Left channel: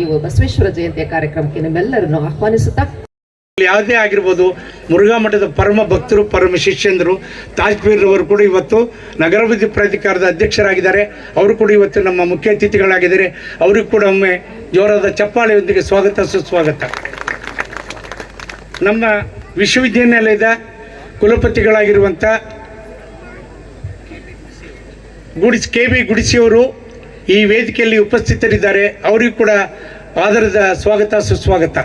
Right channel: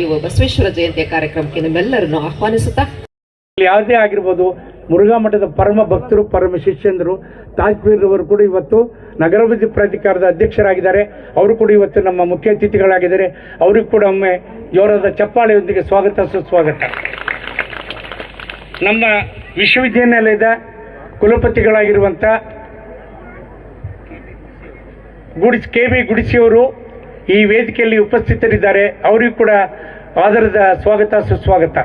ಈ ಬಸವೇಶ್ವರ ಜಯಂತಿಯ ಕಾರ್ಯಕ್ರಮಕ್ಕೆ ನಮ್ಮೆಲ್ಲರನ್ನು ಆಹ್ವಾನಿಸುತ್ತಾ, ಯಾವುದೇ ಆಗಿರ್ಬೋದು, ಮುರುಘಾ ಮಠದ ಪರಮ ಭಕ್ತರು, ಪರಮ ಶಿಷ್ಯಂದರು ತಾಜ್ಪೀರ್ ಅವರು ಕೂಡ ಇವತ್ತು ನಗರಾಭಿವೃದ್ಧಿ ಪ್ರಾಧಿಕಾರದ ಅಧ್ಯಕ್ಷರಾಗಿದ್ದಾರೆ. ಅವರು ಕೂಡ ಇವತ್ತು ನಮ್ಮ ಮುಖ್ಯ ಅತಿಥಿಗಳಾಗಿದ್ದಾರೆ. ಅವರಿಗೂ ಕೂಡ ಒಮ್ಮೆ ಜೋರಾದ ಚಪ್ಪಾಳೆಯೊಂದಿಗೆ ಸ್ವಾಗತ ಸುಸ್ವಾಗತ. ನಮ್ಮ ವಿಶ್ವವಿದ್ಯಾನಿಲಯದ ಕುಲಪತಿಗಳಾಗಿರುವಂಥ ಕೆ ಬಿ ಗುಡಿಸಿಯವರು ಈ ವೇದಿಕೆಯಲ್ಲಿ ಉಪಸ್ಥಿತರಿದ್ದಾರೆ. ಅವರಿಗೂ ಕೂಡ ಆದರದ ಸ್ವಾಗತ ಸುಸ್ವಾಗತ.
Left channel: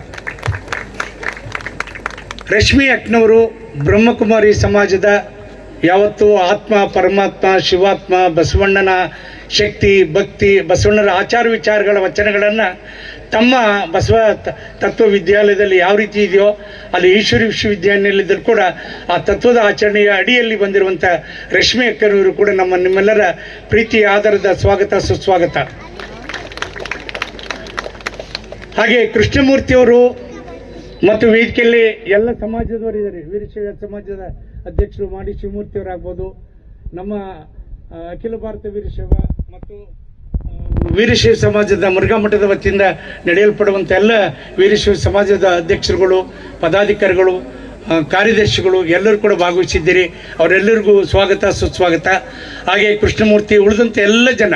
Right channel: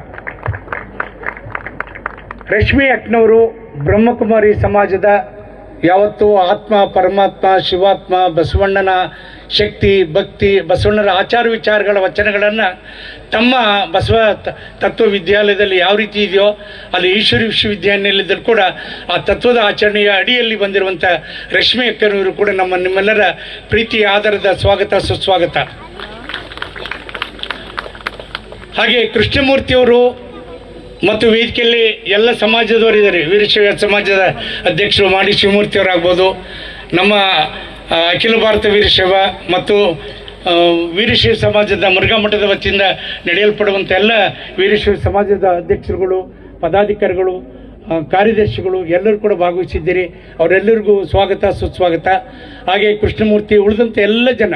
ರಶ್ಮಿ ಅಕ್ನವರು ಬ್ರಹ್ಮಕುಮಾರಿ ಸಮಾಜದ ಯಾವತ್ತೂ ಆತ್ಮ, ಪರಮಾತ್ಮ, ಶಿವಾತ್ಮ, ಬಸವಣ್ಣನ ಶಕ್ತಿ, ಭಕ್ತಿ, ಬಸವಣ್ಣನ ಆಚಾರ ವಿಚಾರಗಳ ವಚನಗಳನ್ನು ತಮ್ಮ ಬಸವ ತತ್ವ ವಿದ್ಯಾಲಯದಲ್ಲಿ ಯಾವ ರೀತಿ ಇದೆಯೋ ಅಲ್ಲಿ ಈಶ್ವರಿ ವಿಶ್ವವಿದ್ಯಾನಿಲಯದಲ್ಲಿ ಕೂಡ ಆ ತತ್ವದ ಆಚರಣೆಯ ಅಡಿಯಲ್ಲಿ ಬಂದಿರುವಂಥ ರಶ್ಮಿ ಅಕ್ಕನವರು ಕೂಡ ನಿಮ್ಮೆಲ್ಲರ ಪ್ರೀತಿ ಆಧಾರದ ಸ್ವಾಗತ ಸುಸ್ವಾಗತ. ಹಾಗೆ ಕೃಷ್ಣಮೂರ್ತಿಯವರು ಮತ್ತು ವೇದಿಕೆಯಲ್ಲಿ ಎಲ್ಲ ಸಮಾಜದವರಿದ್ದಾರೆ. ವೀರಶೈವ ಸಮಾಜದ ಅಧ್ಯಕ್ಷರು ಮಾಡಿ ಶಿವಮೂರ್ತಿಯವರಾಗ್ಬೋದು, ನಮ್ಮ ಅಖಿಲ ಭಾರತ ವೀರಶೈವ ಮತ್ತು ವೀರಶೈವ ಸಮಾಜದ ಮುರುಘಾ ಮಠದ ವತಿಯಿಂದ ನಡೆಯಲ್ಪಡುವಂಥ ಎಲ್ಲ ವೀರಶೈವ ಸಮಾಜದ ಅಧ್ಯಕ್ಷರುಗಳು, ಪದಾಧಿಕಾರಿಗಳು, ಕಾರ್ಯದರ್ಶಿಗಳು ಎಲ್ಲರೂ ಕೂಡ ಭಾಗವಹಿಸಿದ್ದೀರಿ. ಅವರೆಲ್ಲರಿಗೂ ಸ್ವಾಗತ ಸುಸ್ವಾಗತ. ಹಾಗೆ ಕೃಷ್ಣಮೂರ್ತಿ ಉಳಿದಂಥ ಎಲ್ಲ ಜನ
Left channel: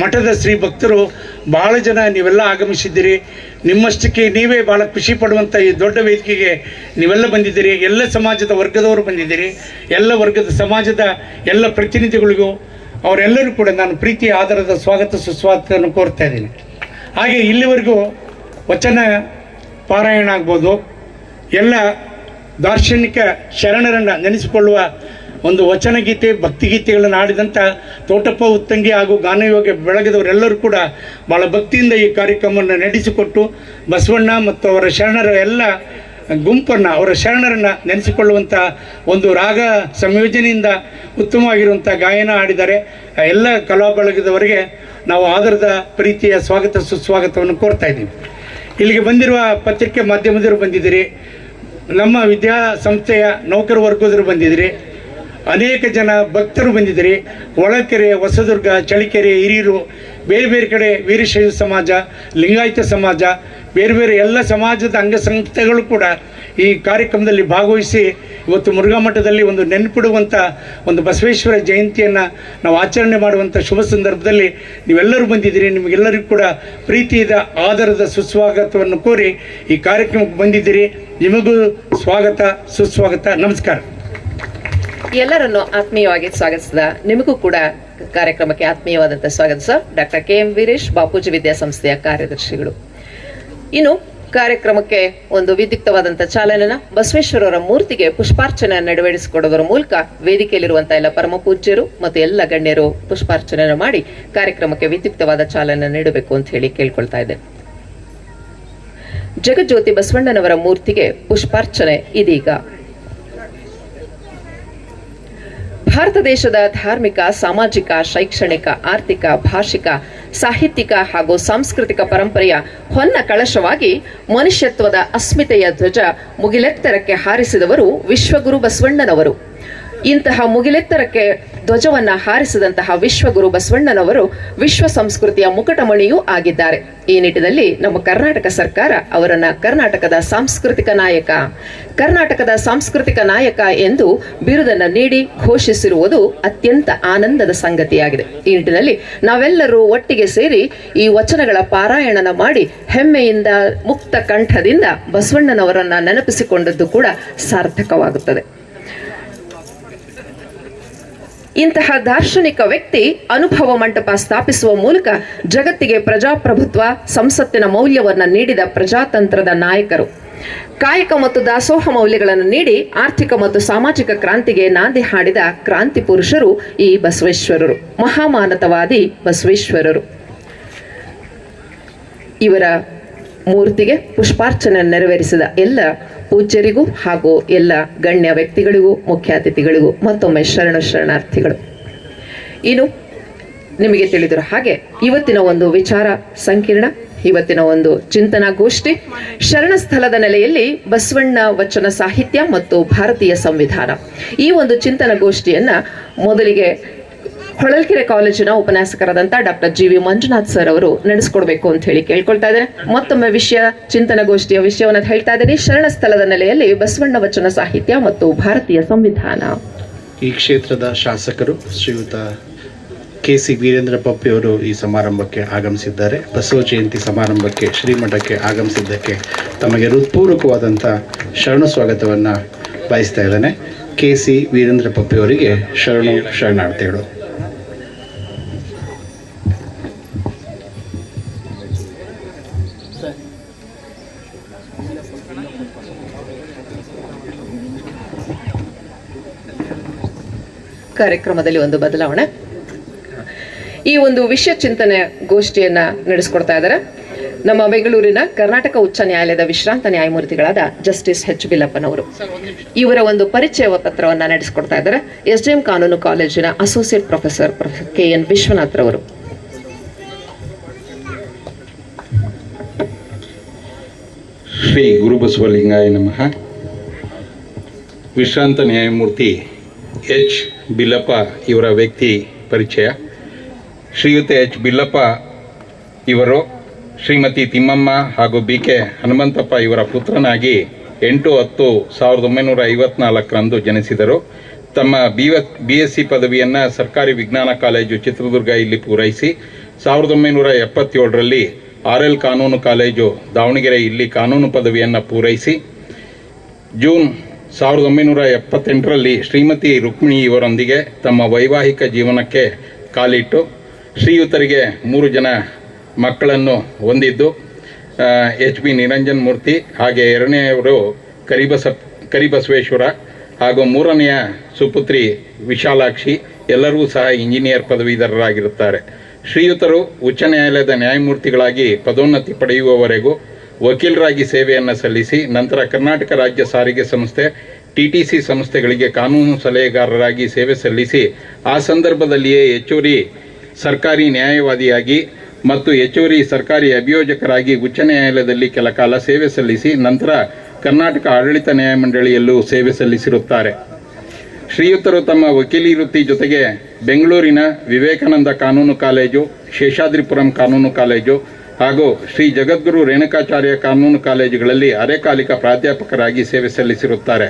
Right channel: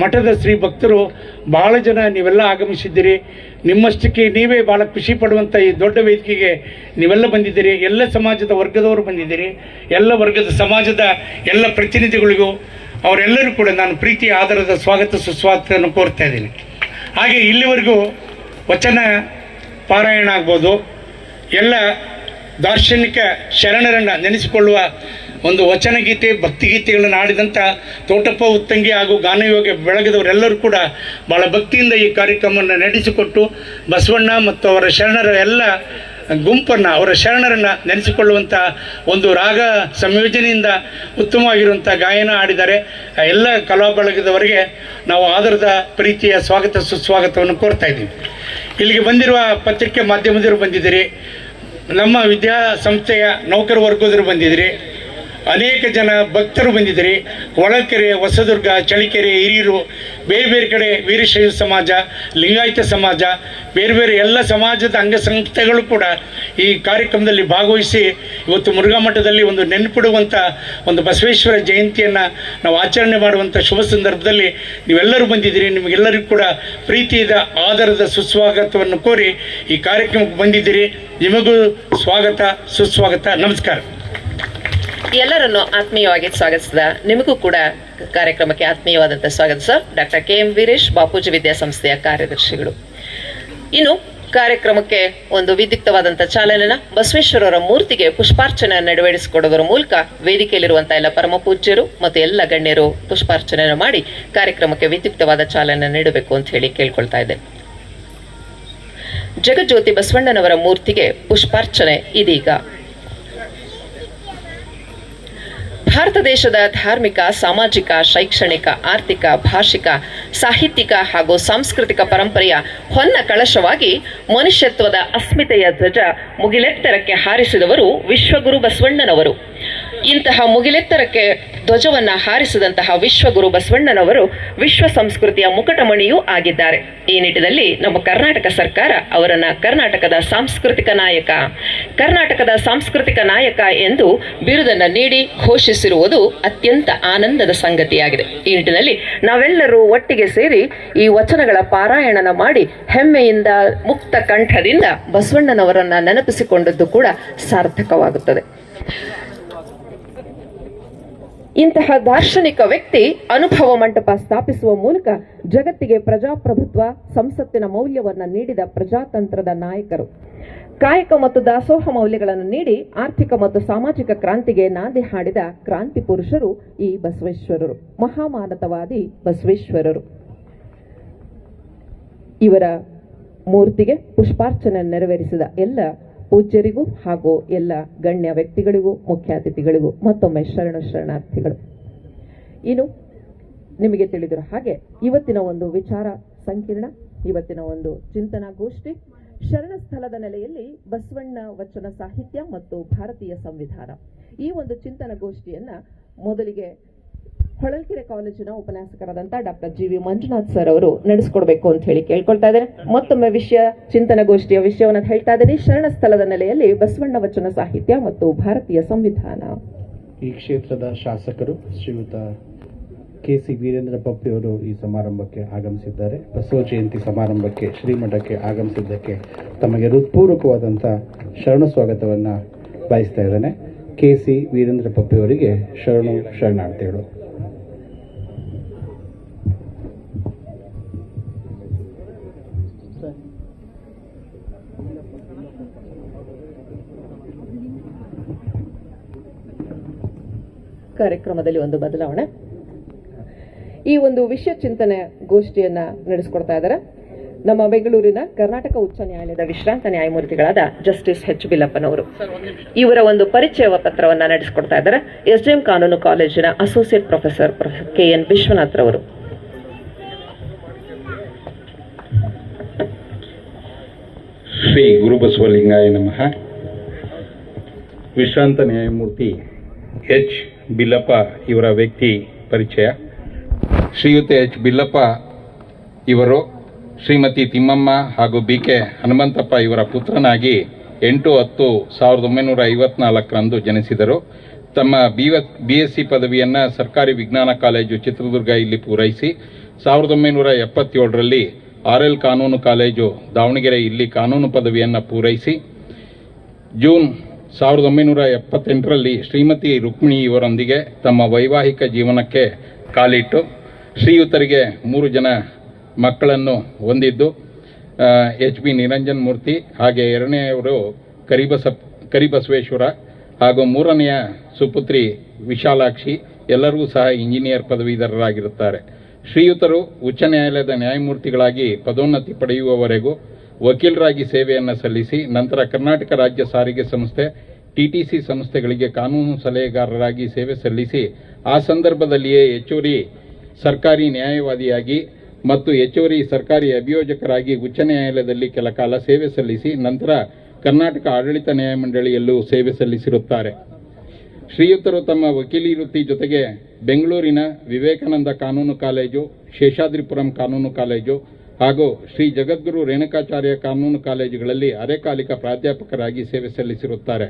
ಮಠದ ಶ್ರೀ ಭಕ್ತರು ಭಾಳ ಜನ ನೀವೆಲ್ಲ ಆಗಮಿಸಿದ್ದೀರಿ. ನಿಮ್ಮಷ್ಟಕ್ಕೆ ನೀವೇ ಭಾಳ ಖುಷಿ ಪಡುವಂಥ ಈ ದೊಡ್ಡ ವೇದಿಕೆಗೆ ನೀವೆಲ್ಲ ಬಂದಿದ್ದೀರಿ. ಎಲ್ಲ ಸಮಾಜದ ವರ್ಗದವರು ಬಂದಿದ್ದೀರಿ. ಎಲ್ಲ ವರ್ಗದ ಸಮಾಜದ ಎಲ್ಲ ಪ್ರತಿನಿಧಿಗಳಿಗೂ ಅವರೆಲ್ಲರೂ ಕೂಡ ನಾನು ಪ್ರೀತಿ ಆಧಾರದ ಸ್ವಾಗತ ಸುಸ್ವಾಗತವನ್ನು ಕೋರ್ತಾ ಇದ್ದೀನಿ. ಹಾಗೆ ಇಲ್ಲಿವರೆಗೂ ವಚನ ಪಾರಾಯಣ ಆಗ್ಬೋದು, ಎಲ್ಲ ದಾರ್ಶನಿಕ ಶರಣರನ್ನು ನೆನೆಸಿಕೊಳ್ಳುವ ಒಂದು ವಚನಗೀತೆ, ಭಕ್ತಿಗೀತೆಗಳನ್ನು ಆಡಿದಂಥ ತೋಟಪ್ಪ ಉತ್ತಂಗಿ ಹಾಗೂ ಗಾನಯೋಗ ಬೆಳಗದವರೆಲ್ಲರೂ ಕೂಡ ಭಾಳ ಭಕ್ತಿಯಿಂದ ಈ ಕಾರ್ಯಕ್ರಮವನ್ನು ನಡೆಸಿಕೊಟ್ಟು ಬಸವಣ್ಣ ಮತ್ತು ಅವರ ಶರಣರ ಎಲ್ಲ ಗುಂಪನ್ನು, ಅವರ ಶರಣರನ್ನು ನೆನೆಸಿಕೊಳ್ಳುವಂಥ ಒಂದು ರಾಗ ಸಂಯೋಜನೆಯಿಂದ ಉತ್ತಮವಾಗಿರುವಂಥ ಗಾಯನ ಆಡಿದ್ದಾರೆ. ಎಲ್ಲ ಕಲಾ ಬಳಗದವರಿಗೆ ನಾವು ಆಧಾರದ ಪ್ರೀತಿಯ ಸ್ವಾಗತ ಸುಸ್ವಾಗತವನ್ನು ಕೋರ್ತಾ ಇದ್ದೀವಿ. ಇಲ್ಲಿಗೆ ಬಂದಿರುವ ಪತ್ರಿಕೆ ಮಾಧ್ಯಮದವರು ಬಂದಿದ್ದೀರಿ, ನಮ್ಮ ವಿದ್ಯಾಸಂಸ್ಥೆಯ ನೌಕರ ವರ್ಗದವರು ಬಂದಿದ್ದೀರಿ, ಅನೇಕ ಜನ ಭಕ್ತರು ಬಂದಿದ್ದೀರಿ. ಹೊಳಕೆರೆ, ಹೊಸದುರ್ಗ, ಚಳಿಕೆರೆ, ಹಿರಿಯೂರು, ಬೇರೆ ಬೇರೆ ಕಡೆ ವೀರಶೈವ ಸಮಾಜ, ಲಿಂಗಾಯತ ಸಮಾಜ, ಬೇರೆ ಬೇರೆ ಎಲ್ಲ ಸಮಾಜದ ಅಂಗಸಂಸ್ಥೆಗಳು ಕೂಡ ಈ ಕಾರ್ಯಕ್ರಮದಲ್ಲಿ ಭಾಗವಹಿಸಿ ಇವತ್ತು ಮುರುಘಾ ಮಠದಲ್ಲಿ ಒಂದು ನೆನಪಿಡುವಂಥ ಒಂದು ಬಸವೇಶ್ವರ ಜಯಂತಿಯನ್ನು ನಾವು ಆಚರಣೆ ಮಾಡುವಂಥ ಶುಭ ಸಂದರ್ಭದಲ್ಲಿ ನೀವೆಲ್ಲರೂ ಬಂದಿದ್ದೀರಿ. ನಿಮಗೆಲ್ಲರಿಗೂ ಕೂಡ ಪ್ರೀತಿಯ ಆಧಾರದ ಸುಸ್ವಾಗತವನ್ನು ಕೋರಿ ಈ ಕಾರ್ಯಕ್ರಮಕ್ಕೆ ಬಂದಿದ್ದೀರಿ. ನಿಮಗೂ ಸ್ವಾಗತ ಸುಸ್ವಾಗತ. ನಮಸ್ಕಾರ. ಎಲ್ಲರನ್ನು ಆತ್ಮೀಯವಾಗಿ ಸ್ವಾಗತಿಸಿದ ನಿಮಗೂ ಕೂಡ ಕಾರ್ಯಕ್ರಮಕ್ಕೆ ಆತ್ಮೀಯವಾದಂಥ ಸ್ವಾಗತ sir. Doctor KM Veeresh, Bapuji ವಿದ್ಯಾಸಂಸ್ಥೆಯ ಕಾರ್ಯದರ್ಶಿಗಳು. ಇನ್ನು ಕಾರ್ಯಕ್ರಮಕ್ಕೆ ಒಂದು ವಿದ್ಯುಕ್ತವಾದಂಥ ಚಾಲನೆನ ಬಸವೇಶ್ವರರ ಮೂರ್ತಿಗೆ ಪುಷ್ಪಾರ್ಚನೆ ನೆರವೇರಿಸಿಕೊಡೋದರ ಮೂಲಕ ವೇದಿಕೆಯಲ್ಲಿರುವಂತಹ ಎಲ್ಲ ಪರಮ ಪೂಜ್ಯರು ಮತ್ತು ಎಲ್ಲ ಗಣ್ಯರು ಪುಷ್ಪಾರ್ಚನೆಯನ್ನು ಮಾಡಿ ಕಾರ್ಯಕ್ರಮಕ್ಕೆ ವಿದ್ಯುಕ್ತವಾದ ಚಾಲನೆ ನೀಡಬೇಕು ಅಂತ ಹೇಳಿ ಕೇಳ್ಕೊಳ್ತಾ ಇದ್ದೆ. ಜಗಜ್ಯೋತಿ ಬಸವಣ್ಣನವರ ಮೂರ್ತಿಗೆ ಪುಷ್ಪಾರ್ಚನೆ ಇದೀಗ. ಭಾರತ ದೇಶದ ಧಾರ್ಮಿಕ, ಸಾಮಾಜಿಕ, ಶೈಕ್ಷಣಿಕ, ಆರ್ಥಿಕ, ಭಾಷಿಕ, ಸಾಹಿತ್ಯಿಕ ಹಾಗೂ ಸಾಂಸ್ಕೃತಿಕ ಪರಂಪರೆಯ ಹೊನ್ನ ಕಳಶವಾಗಿ ಮನುಷ್ಯತ್ವದ ಅಸ್ಮಿತೆಯ ಧ್ವಜ ಮುಗಿಲೆತ್ತರಕ್ಕೆ ಹಾರಿಸಿದವರು ವಿಶ್ವಗುರು ಬಸವಣ್ಣನವರು. ಇಂತಹ ಮುಗಿಲೆತ್ತರಕ್ಕೆ ಧ್ವಜವನ್ನ ಹಾರಿಸಿದಂತಹ ವಿಶ್ವಗುರು ಬಸವಣ್ಣನವರು ವಿಶ್ವ ಸಂಸ್ಕೃತಿಯ ಮುಕಟಮಣಿಯೂ ಆಗಿದ್ದಾರೆ. ಈ ನಿಟ್ಟಿನಲ್ಲಿ ನಮ್ಮ ಕರ್ನಾಟಕ ಸರ್ಕಾರ ಅವರನ್ನ ಕರ್ನಾಟಕದ ಸಾಂಸ್ಕೃತಿಕ ನಾಯಕ ಎಂದು ಬಿರುದನ್ನು ನೀಡಿ ಘೋಷಿಸಿರುವುದು ಅತ್ಯಂತ ಆನಂದದ ಸಂಗತಿಯಾಗಿದೆ. ಈ ನಿಟ್ಟಿನಲ್ಲಿ ನಾವೆಲ್ಲರೂ ಒಟ್ಟಿಗೆ ಸೇರಿ ಈ ವಚನಗಳ ಪಾರಾಯಣನ ಮಾಡಿ ಹೆಮ್ಮೆಯಿಂದ ಮುಕ್ತ ಕಂಠದಿಂದ ಬಸವಣ್ಣನವರನ್ನ ನೆನಪಿಸಿಕೊಂಡದ್ದು ಕೂಡ ಸಾರ್ಥಕವಾಗುತ್ತದೆ. ಇಂತಹ ದಾರ್ಶನಿಕ ವ್ಯಕ್ತಿ ಅನುಭವ ಮಂಟಪ ಸ್ಥಾಪಿಸುವ ಮೂಲಕ ಜಗತ್ತಿಗೆ ಪ್ರಜಾಪ್ರಭುತ್ವ, ಸಂಸತ್ತಿನ ಮೌಲ್ಯವನ್ನು ನೀಡಿದ ಪ್ರಜಾತಂತ್ರದ ನಾಯಕರು. ಕಾಯಕ ಮತ್ತು ದಾಸೋಹ ಮೌಲ್ಯಗಳನ್ನು ನೀಡಿ ಆರ್ಥಿಕ ಮತ್ತು ಸಾಮಾಜಿಕ ಕ್ರಾಂತಿಗೆ ನಾಂದಿ ಹಾಡಿದ ಕ್ರಾಂತಿ ಪುರುಷರು ಈ ಬಸವೇಶ್ವರರು, ಮಹಾಮಾನತವಾದಿ ಬಸವೇಶ್ವರರು. ಇವರ ಮೂರ್ತಿಗೆ ಪುಷ್ಪಾರ್ಚನೆ ನೆರವೇರಿಸಿದ ಎಲ್ಲ ಪೂಜ್ಯರಿಗೂ ಹಾಗೂ ಎಲ್ಲ ಗಣ್ಯ ವ್ಯಕ್ತಿಗಳಿಗೂ, ಮುಖ್ಯ ಅತಿಥಿಗಳಿಗೂ ಮತ್ತೊಮ್ಮೆ ಶರಣಾರ್ಥಿಗಳು. ಇನ್ನು ನಿಮಗೆ ತಿಳಿದಿರೋ ಹಾಗೆ ಇವತ್ತಿನ ಒಂದು ವಿಚಾರ ಸಂಕಿರಣ, ಇವತ್ತಿನ ಒಂದು ಚಿಂತನಾ ಗೋಷ್ಠಿ ಶರಣ ಸ್ಥಳದ ನೆಲೆಯಲ್ಲಿ ಬಸವಣ್ಣ ವಚನ ಸಾಹಿತ್ಯ ಮತ್ತು ಭಾರತೀಯ ಸಂವಿಧಾನ. ಈ ಒಂದು ಚಿಂತನಾ ಗೋಷ್ಠಿಯನ್ನ ಮೊದಲಿಗೆ ಹೊಳಲ್ಕೆರೆ ಕಾಲೇಜಿನ ಉಪನ್ಯಾಸಕರಾದಂಥ ಡಾಕ್ಟರ್ GV ಮಂಜುನಾಥ್ ಸರ್ ಅವರು ನಡೆಸ್ಕೊಡ್ಬೇಕು ಅಂತ ಹೇಳಿ ಕೇಳ್ಕೊಳ್ತಾ ಇದ್ದೇನೆ. ಮತ್ತೊಮ್ಮೆ ಚಿಂತನಗೋಷ್ಠಿಯ ವಿಷಯವನ್ನು ಹೇಳ್ತಾ ಇದ್ದೀನಿ. ಶರಣ ಸ್ಥಳದ ನೆಲೆಯಲ್ಲಿ ಬಸವಣ್ಣ ವಚನ ಸಾಹಿತ್ಯ ಮತ್ತು ಭಾರತೀಯ ಸಂವಿಧಾನ. ಈ ಕ್ಷೇತ್ರದ ಶಾಸಕರು ಶ್ರೀಯುತ KC ವೀರೇಂದ್ರ ಪಪ್ಪಿಯವರು ಈ ಸಮಾರಂಭಕ್ಕೆ ಆಗಮಿಸಿದ್ದಾರೆ. ಬಸವ ಜಯಂತಿ ಸಮಾರಂಭಕ್ಕೆ ಶ್ರೀಮಠಕ್ಕೆ ಆಗಮಿಸಿದ್ದಕ್ಕೆ ತಮಗೆ ಹೃತ್ಪೂರ್ವಕವಾದಂಥ ಶರಣು ಸ್ವಾಗತವನ್ನು ಬಯಸ್ತಾ ಇದ್ದಾನೆ. KC ವೀರೇಂದ್ರ ಪಪ್ಪಿಯವರಿಗೆ ಶರಣಾರ್ಥಿಗಳು. ಕಾರ್ಯಕ್ರಮದಲ್ಲಿ ಒಂದು ಬದಲಾವಣೆ. ಈ ಒಂದು ವಿಷಯ ಚಿಂತನೆ ಗೋಷ್ಠಿಯನ್ನ ನಡೆಸಿಕೊಡ್ತಾ ಇದ್ದಾರೆ ನಮ್ಮ ಬೆಂಗಳೂರಿನ ಕರ್ನಾಟಕ ಉಚ್ಚ ನ್ಯಾಯಾಲಯದ ವಿಶ್ರಾಂತ ನ್ಯಾಯಮೂರ್ತಿಗಳಾದ ಜಸ್ಟಿಸ್ H. ಬಿಲ್ಲಪ್ಪನವರು. ಇವರ ಒಂದು ಪರಿಚಯ ಪತ್ರವನ್ನ ನಡೆಸಿಕೊಡ್ತಾ ಇದ್ದಾರೆ SDM ಕಾನೂನು ಕಾಲೇಜಿನ ಅಸೋಸಿಯೇಟ್ ಪ್ರೊಫೆಸರ್ KN ವಿಶ್ವನಾಥ್ ರವರು. ಶ್ರೀ ಗುರುಬಸವಲಿಂಗಾಯ ನಮಃ. ವಿಶ್ರಾಂತ ನ್ಯಾಯಮೂರ್ತಿ H. ಬಿಲ್ಲಪ್ಪ ಇವರ ವ್ಯಕ್ತಿ ಪರಿಚಯ. ಶ್ರೀಯುತ H. ಬಿಲ್ಲಪ್ಪ ಇವರು ಶ್ರೀಮತಿ ತಿಮ್ಮಮ್ಮ ಹಾಗೂ BK ಹನುಮಂತಪ್ಪ ಇವರ ಪುತ್ರನಾಗಿ 8/10/1954 ಜನಿಸಿದರು. ತಮ್ಮ BSc ಪದವಿಯನ್ನು ಸರ್ಕಾರಿ ವಿಜ್ಞಾನ ಕಾಲೇಜು ಚಿತ್ರದುರ್ಗ ಇಲ್ಲಿ ಪೂರೈಸಿ 1977ರಲ್ಲಿ RL ಕಾನೂನು ಕಾಲೇಜು ದಾವಣಗೆರೆ ಇಲ್ಲಿ ಕಾನೂನು ಪದವಿಯನ್ನು ಪೂರೈಸಿ ಜೂನ್ 1978ರಲ್ಲಿ ಶ್ರೀಮತಿ ರುಕ್ಮಿಣಿ ಇವರೊಂದಿಗೆ ತಮ್ಮ ವೈವಾಹಿಕ ಜೀವನಕ್ಕೆ ಕಾಲಿಟ್ಟು ಶ್ರೀಯುತರಿಗೆ 3 ಜನ ಮಕ್ಕಳನ್ನು ಹೊಂದಿದ್ದು HB ನಿರಂಜನ್ ಮೂರ್ತಿ, ಹಾಗೆ ಎರಡನೆಯವರು ಕರಿಬಸವೇಶ್ವರ ಹಾಗೂ ಮೂರನೆಯ ಸುಪುತ್ರಿ ವಿಶಾಲಾಕ್ಷಿ. ಎಲ್ಲರೂ ಸಹ ಇಂಜಿನಿಯರ್ ಪದವೀಧರರಾಗಿರುತ್ತಾರೆ. ಶ್ರೀಯುತರು ಉಚ್ಚ ನ್ಯಾಯಾಲಯದ ನ್ಯಾಯಮೂರ್ತಿಗಳಾಗಿ ಪದೋನ್ನತಿ ಪಡೆಯುವವರೆಗೂ ವಕೀಲರಾಗಿ ಸೇವೆಯನ್ನು ಸಲ್ಲಿಸಿ ನಂತರ ಕರ್ನಾಟಕ ರಾಜ್ಯ ಸಾರಿಗೆ ಸಂಸ್ಥೆ TTC ಸಂಸ್ಥೆಗಳಿಗೆ ಕಾನೂನು ಸಲಹೆಗಾರರಾಗಿ ಸೇವೆ ಸಲ್ಲಿಸಿ ಆ ಸಂದರ್ಭದಲ್ಲಿಯೇ ಹೆಚ್ಚುವರಿ ಸರ್ಕಾರಿ ನ್ಯಾಯವಾದಿಯಾಗಿ ಮತ್ತು ಹೆಚ್ಚುವರಿ ಸರ್ಕಾರಿ ಅಭಿಯೋಜಕರಾಗಿ ಉಚ್ಚ ನ್ಯಾಯಾಲಯದಲ್ಲಿ ಕೆಲ ಕಾಲ ಸೇವೆ ಸಲ್ಲಿಸಿ ನಂತರ ಕರ್ನಾಟಕ ಆಡಳಿತ ನ್ಯಾಯಮಂಡಳಿಯಲ್ಲೂ ಸೇವೆ ಸಲ್ಲಿಸಿರುತ್ತಾರೆ. ಶ್ರೀಯುತರು ತಮ್ಮ ವಕೀಲಿ ವೃತ್ತಿ ಜೊತೆಗೆ ಬೆಂಗಳೂರಿನ ವಿವೇಕಾನಂದ ಕಾನೂನು ಕಾಲೇಜು, ಶೇಷಾದ್ರಿಪುರಂ ಕಾನೂನು ಕಾಲೇಜು ಹಾಗೂ ಶ್ರೀ ಜಗದ್ಗುರು ರೇಣುಕಾಚಾರ್ಯ ಕಾನೂನು ಕಾಲೇಜುಗಳಲ್ಲಿ ಅರೆಕಾಲಿಕ ಪ್ರಾಧ್ಯಾಪಕರಾಗಿ ಸೇವೆ ಸಲ್ಲಿಸಿರುತ್ತಾರೆ.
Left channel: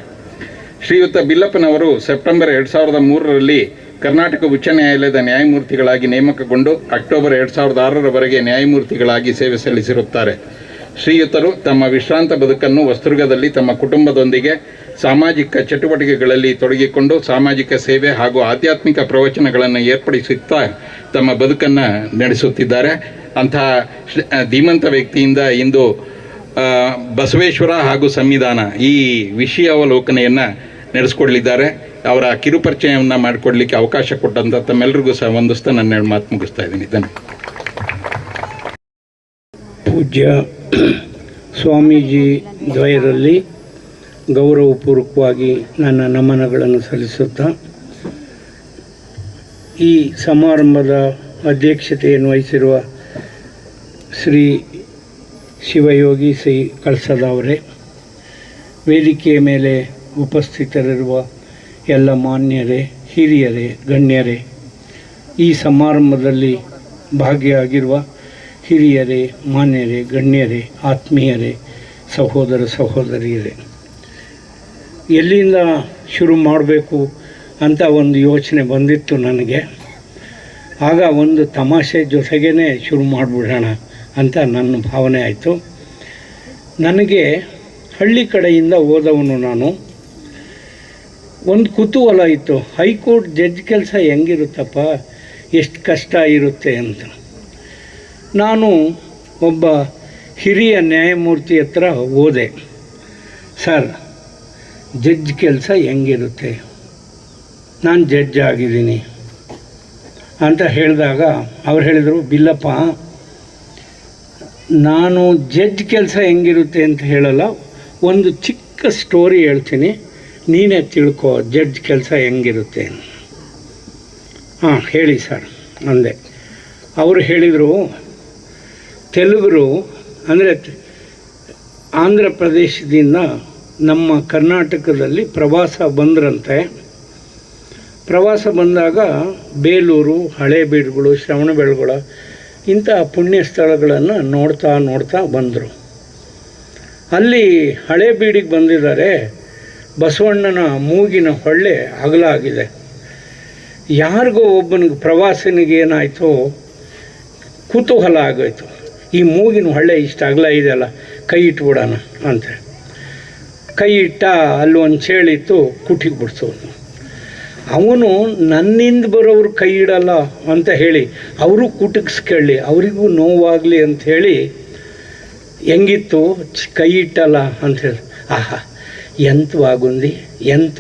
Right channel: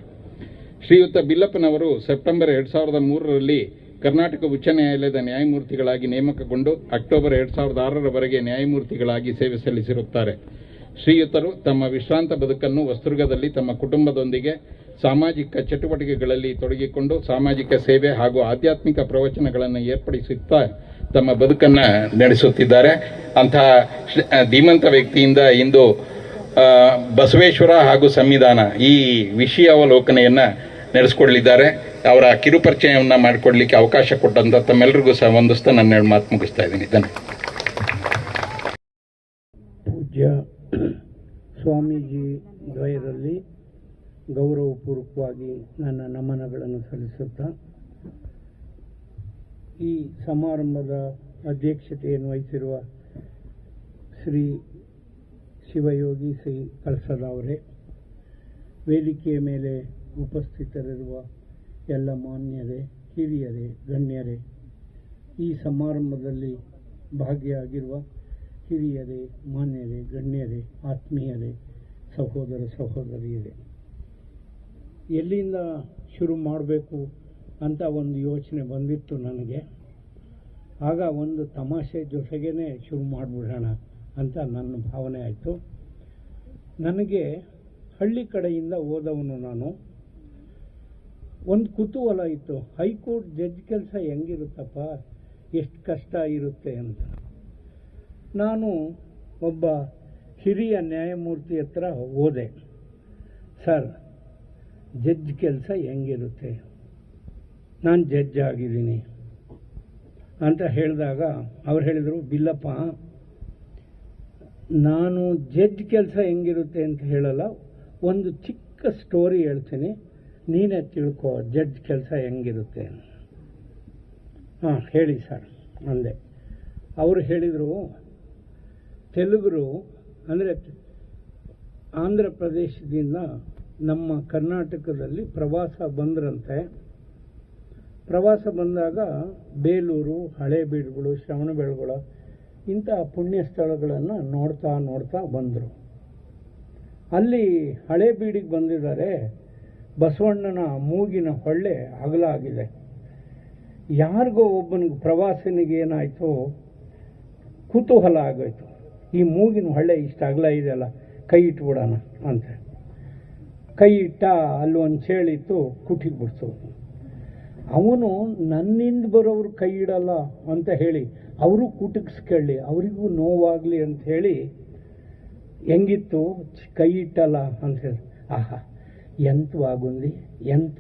ಶ್ರೀಯುತ ಬಿಲ್ಲಪ್ಪನವರು ಸೆಪ್ಟೆಂಬರ್ 2003ರಲ್ಲಿ ಕರ್ನಾಟಕ ಉಚ್ಚ ನ್ಯಾಯಾಲಯದ ನ್ಯಾಯಮೂರ್ತಿಗಳಾಗಿ ನೇಮಕಗೊಂಡು ಅಕ್ಟೋಬರ್ 2006ರವರೆಗೆ ನ್ಯಾಯಮೂರ್ತಿಗಳಾಗಿ ಸೇವೆ ಸಲ್ಲಿಸಿರುತ್ತಾರೆ. ಶ್ರೀಯುತರು ತಮ್ಮ ವಿಶ್ರಾಂತ ಬದುಕನ್ನು ಹೊಸದುರ್ಗದಲ್ಲಿ ತಮ್ಮ ಕುಟುಂಬದೊಂದಿಗೆ ಸಾಮಾಜಿಕ ಚಟುವಟಿಕೆಗಳಲ್ಲಿ ತೊಡಗಿಕೊಂಡು ಸಾಮಾಜಿಕ ಸೇವೆ ಹಾಗೂ ಆಧ್ಯಾತ್ಮಿಕ ಪ್ರವಚನಗಳನ್ನು ಏರ್ಪಡಿಸುತ್ತಾ ತಮ್ಮ ಬದುಕನ್ನು ನಡೆಸುತ್ತಿದ್ದಾರೆ. ಅಂತಹ ಧೀಮಂತ ವ್ಯಕ್ತಿಯಿಂದ ಇಂದು ಬಸವೇಶ್ವರ ಹಾಗೂ ಸಂವಿಧಾನ ಈ ವಿಷಯಾವಲೋಕನೆಯನ್ನು ನಡೆಸಿಕೊಡಲಿದ್ದಾರೆ. ಅವರ ಕಿರುಪರಿಚಯವನ್ನು ಮಾಡಿಕೊಡ್ಲಿಕ್ಕೆ ಅವಕಾಶ ಕೊಟ್ಟಂತ ತಮ್ಮೆಲ್ಲರಿಗೂ ಸಹ ವಂದಿಸ್ತಾ ನನ್ನ ಮಾತು ಮುಗಿಸ್ತಾ ಇದ್ದೀನಿ. ಪೂಜ್ಯ ಸ್ವಾಮೀಜಿ ದ್ವಯರಲ್ಲಿ ಗೌರವಪೂರ್ವಕವಾಗಿ ನನ್ನ ನಮನಗಳನ್ನು ಸಲ್ಲಿಸುತ್ತಾ ಈ ಸಮಾರಂಭದ ಅಧ್ಯಕ್ಷತೆಯನ್ನು ವಹಿಸಿರುವ ಶ್ರೀ ಶಿವಯೋಗಿ ಶ್ರೀ ಕಳಸದ ಅವರೇ, ವೇದಿಕೆಯ ಮೇಲೆ ಉಪಸ್ಥಿತರಿರುವ ಎಲ್ಲ ಮಾನ್ಯರೇ, ಹಿರಿಯರೇ, ಗಣ್ಯರೇ, ಈ ಸಮಾರಂಭದಲ್ಲಿ ಭಾಗಿಯಾಗಿರುವ ಹಿರಿಯರೇ, ಮಾನ್ಯರೇ, ಗಣ್ಯರೇ, ಆತ್ಮೀಯರೇ, ಸಹೋದರ ಸಹೋದರಿಯರೇ, ಎಲ್ಲಿಂದ ಶುರು ಮಾಡಬೇಕು ಅಂತ ಒಂದು ಯೋಚನೆ ಬಂದಿತ್ತು ನನಗೆ. ಆಗ ಒಂದು ತಮಾಷೆ ಜೊತೆಗೇ ಶುರು ಮಾಡಿಬಿಡೋಣ ಅಂತ ನನ್ನ ಭಾವನೆ ಆಯಿತು. ನನಗೆ ಹಳ್ಳಿ ಕಡೆಯಿಂದ ಹೋದವನು ನಾನು. ಒಂದು ಕುತೂಹಲ ಇತ್ತು, ಹೈಕೋರ್ಟ್ ಜಡ್ಜ್ ಕೆಲಸ ಹೆಂಗಿರುತ್ತಪ್ಪ, ಎಷ್ಟು ಕಷ್ಟ ಇರುತ್ತೆ ಅಂತ. ನಾನು ಒಬ್ಬ ಹಿರಿಯ ನ್ಯಾಯಮೂರ್ತಿ ಹತ್ರ ಹೋದೆ. ಸರ್, ಜಡ್ಜ್ ಕೆಲಸ ಹೆಂಗಿರುತ್ತೆ, ನಾನು ಜಡ್ಜ್ ಆಗಿದ್ದೀನಿ ಅಂತ ಹೇಳಿದಾಗ ಅವ್ರು ಹೇಳಿದರು, ಬಿಲ್ಲಪ್ಪ, ನಾನು ಜಡ್ಜ್ ಕೆಲಸ ಹೆಂಗಿರುತ್ತೆ ಅಂತ ಹೇಳಲ್ಲ, ಒಂದು ಚಿಕ್ಕ ಸ್ಟೋರಿ ಹೇಳ್ತೀನಿ, ನೀನೇ ತಿಳ್ಕೊ ಜಡ್ಜ್ ಕೆಲಸ ಹೆಂಗಿರುತ್ತೆ. ಹಾಂ ಹೇಳಿ ಸರ್ ಅಂದೆ. ಅವರು ಹೇಳಿದರು, ತೆಲುಗರು ಅಂದರೆ ಆಂಧ್ರ ಪ್ರದೇಶದಿಂದ ನಮ್ಮ ಕರ್ನಾಟಕದಲ್ಲಿ ಪ್ರವಾಸ ಬಂದ್ರಂತೆ. ಪ್ರವಾಸ ಬಂದಾಗ ಬೇಲೂರು, ಹಳೇಬೀಡುಗಳು, ಶ್ರವಣಬೆಳಗೊಳ ಇಂಥ ಪುಣ್ಯ ಸ್ಥಳಗಳನ್ನು ನೋಡ್ತಾ ಬಂದರು. ಅಲ್ಲಿ ಹಳೇಬೀಡಿಗೆ ಬಂದಿದ್ದಾರೆ. ಬಸವಣ್ಣನ ಮೂಗಿನ ಹೊಳ್ಳೆ ಅಗಲ ಆಗಿದೆ. ಯಾರಿಗೋ ಒಬ್ಬನಿಗೆ ಪ್ರವಾಸನಿಗೆ ಏನಾಯಿತು, ಕುತೂಹಲ ಆಗೋಯ್ತು, ಈ ಮೂಗಿನ ಹೊಳ್ಳೆ ಇಷ್ಟು ಅಗಲ ಇದೆಯಲ್ಲ, ಕೈ ಇಟ್ಬಿಡೋಣ ಅಂತ. ಕೈ ಇಟ್ಟ, ಅಲ್ಲಿ ಒಂದು ಚೇಳಿತ್ತು, ಕುಟಿಗೆ ಬಿಡ್ಸೋದು. ಅವನು ನನ್ನಿಂದ ಬರೋರು ಕೈ ಇಡಲ್ಲ ಅಂತ ಹೇಳಿ ಅವರು ಕುಟುಕಿಸ್ಕೊಳ್ಳಿ, ಅವರಿಗೂ ನೋವಾಗಲಿ ಅಂಥೇಳಿ ಹೆಂಗಿತ್ತು, ಕೈ ಇಟ್ಟಲ್ಲ ಅಂಥೇಳಿ, ಆಹಾ ಎಂತ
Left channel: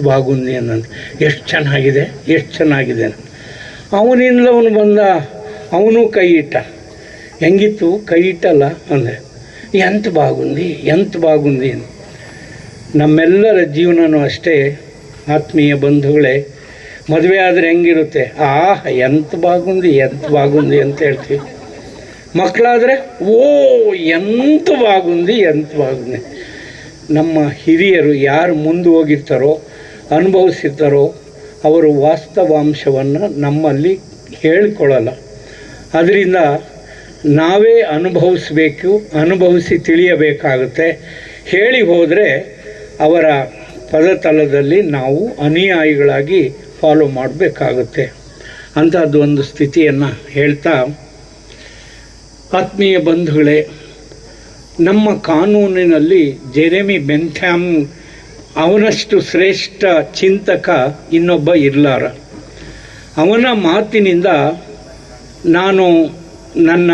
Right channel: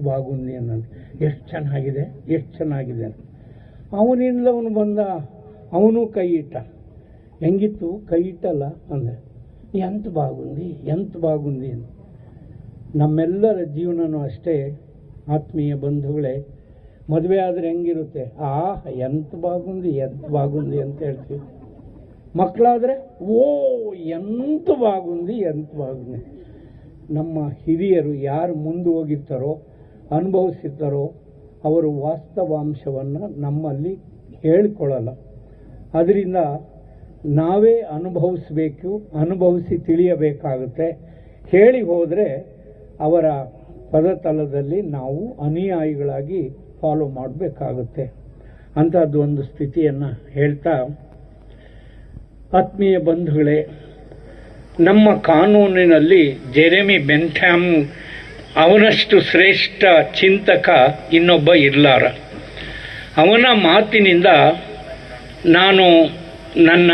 ಬಾಗುಂದಿ ಅನ್ನಂತ, ಎಷ್ಟು ಚೆನ್ನಾಗಿದೆ. ಅವನಿಂದ ಅವನು ಬಂದ, ಅವನು ಕೈ ಇಟ್ಟ, ಹೆಂಗಿತ್ತು, ಕೈ ಇಟ್ಟಲ್ಲ ಅಂದರೆ ಎಂತ ಬಾಗುಂದಿ. ನಮ್ಮೆಲ್ಲರ ಜೀವನನೂ ಅಷ್ಟೇ ಆತ್ಮೀಯ ಬಂಧುಗಳೇ. ಮದುವೆ ಆದರೆ ಹೆಂಗಿರುತ್ತೆ, ಎಂತ ಬಾಗುಂದಿ ಅಂತ ಹೇಳ್ತೀವಿ. ಮಕ್ಕಳಾದರೆ ಎಂತ ಬಾಗುಂದಿ. ನಮ್ಮ ಹಿರಿಯರು ಯಾರು ಮುಂದೆ ಹೋಗಿರ್ತಾರೋ, ಅನುಭವಿಸಿರ್ತಾರೋ, ಅವರು ವಾಸ್ತವಾಂಶವನ್ನು ನಮ್ಮಲ್ಲಿ ಹೇಳಿಕೊಳ್ಳಲ್ಲ. ಅದರಿಂದ ನಾವೇ ಅನುಭವಿಸಿ ತಿಳಿಯಬೇಕಾಗುತ್ತೆ. ಹೇಳಿ ಹೋದರೆ ಅವರ ಪದತಲದಲ್ಲಿ ನಾವು ಅನುಯಾಯಿಗಳಾಗಿ ಫಾಲೋ ಮಾಡಬೇಕಾಗುತ್ತೆ. ಅಂಥದ್ದು ಒಂದು ಸ್ಥಿತಿಯನ್ನು ಹೇಳ್ತಾ, ಆತ್ಮೀಯ ಬಂಧುಗಳೇ, ನಮ್ಮ ಕಾನೂನಿನಲ್ಲಿ ಜೆರೆಮಿ ಬೆಂಥಾಮ್ ಅವನಷ್ಟು ಶ್ರೇಷ್ಠ ಚಿಂತಕ ಇನ್ನೊಬ್ಬ ಇರಲಾರ. ಅವನ ಮಾತಿನಿಂದ ನಾನು ನನ್ನ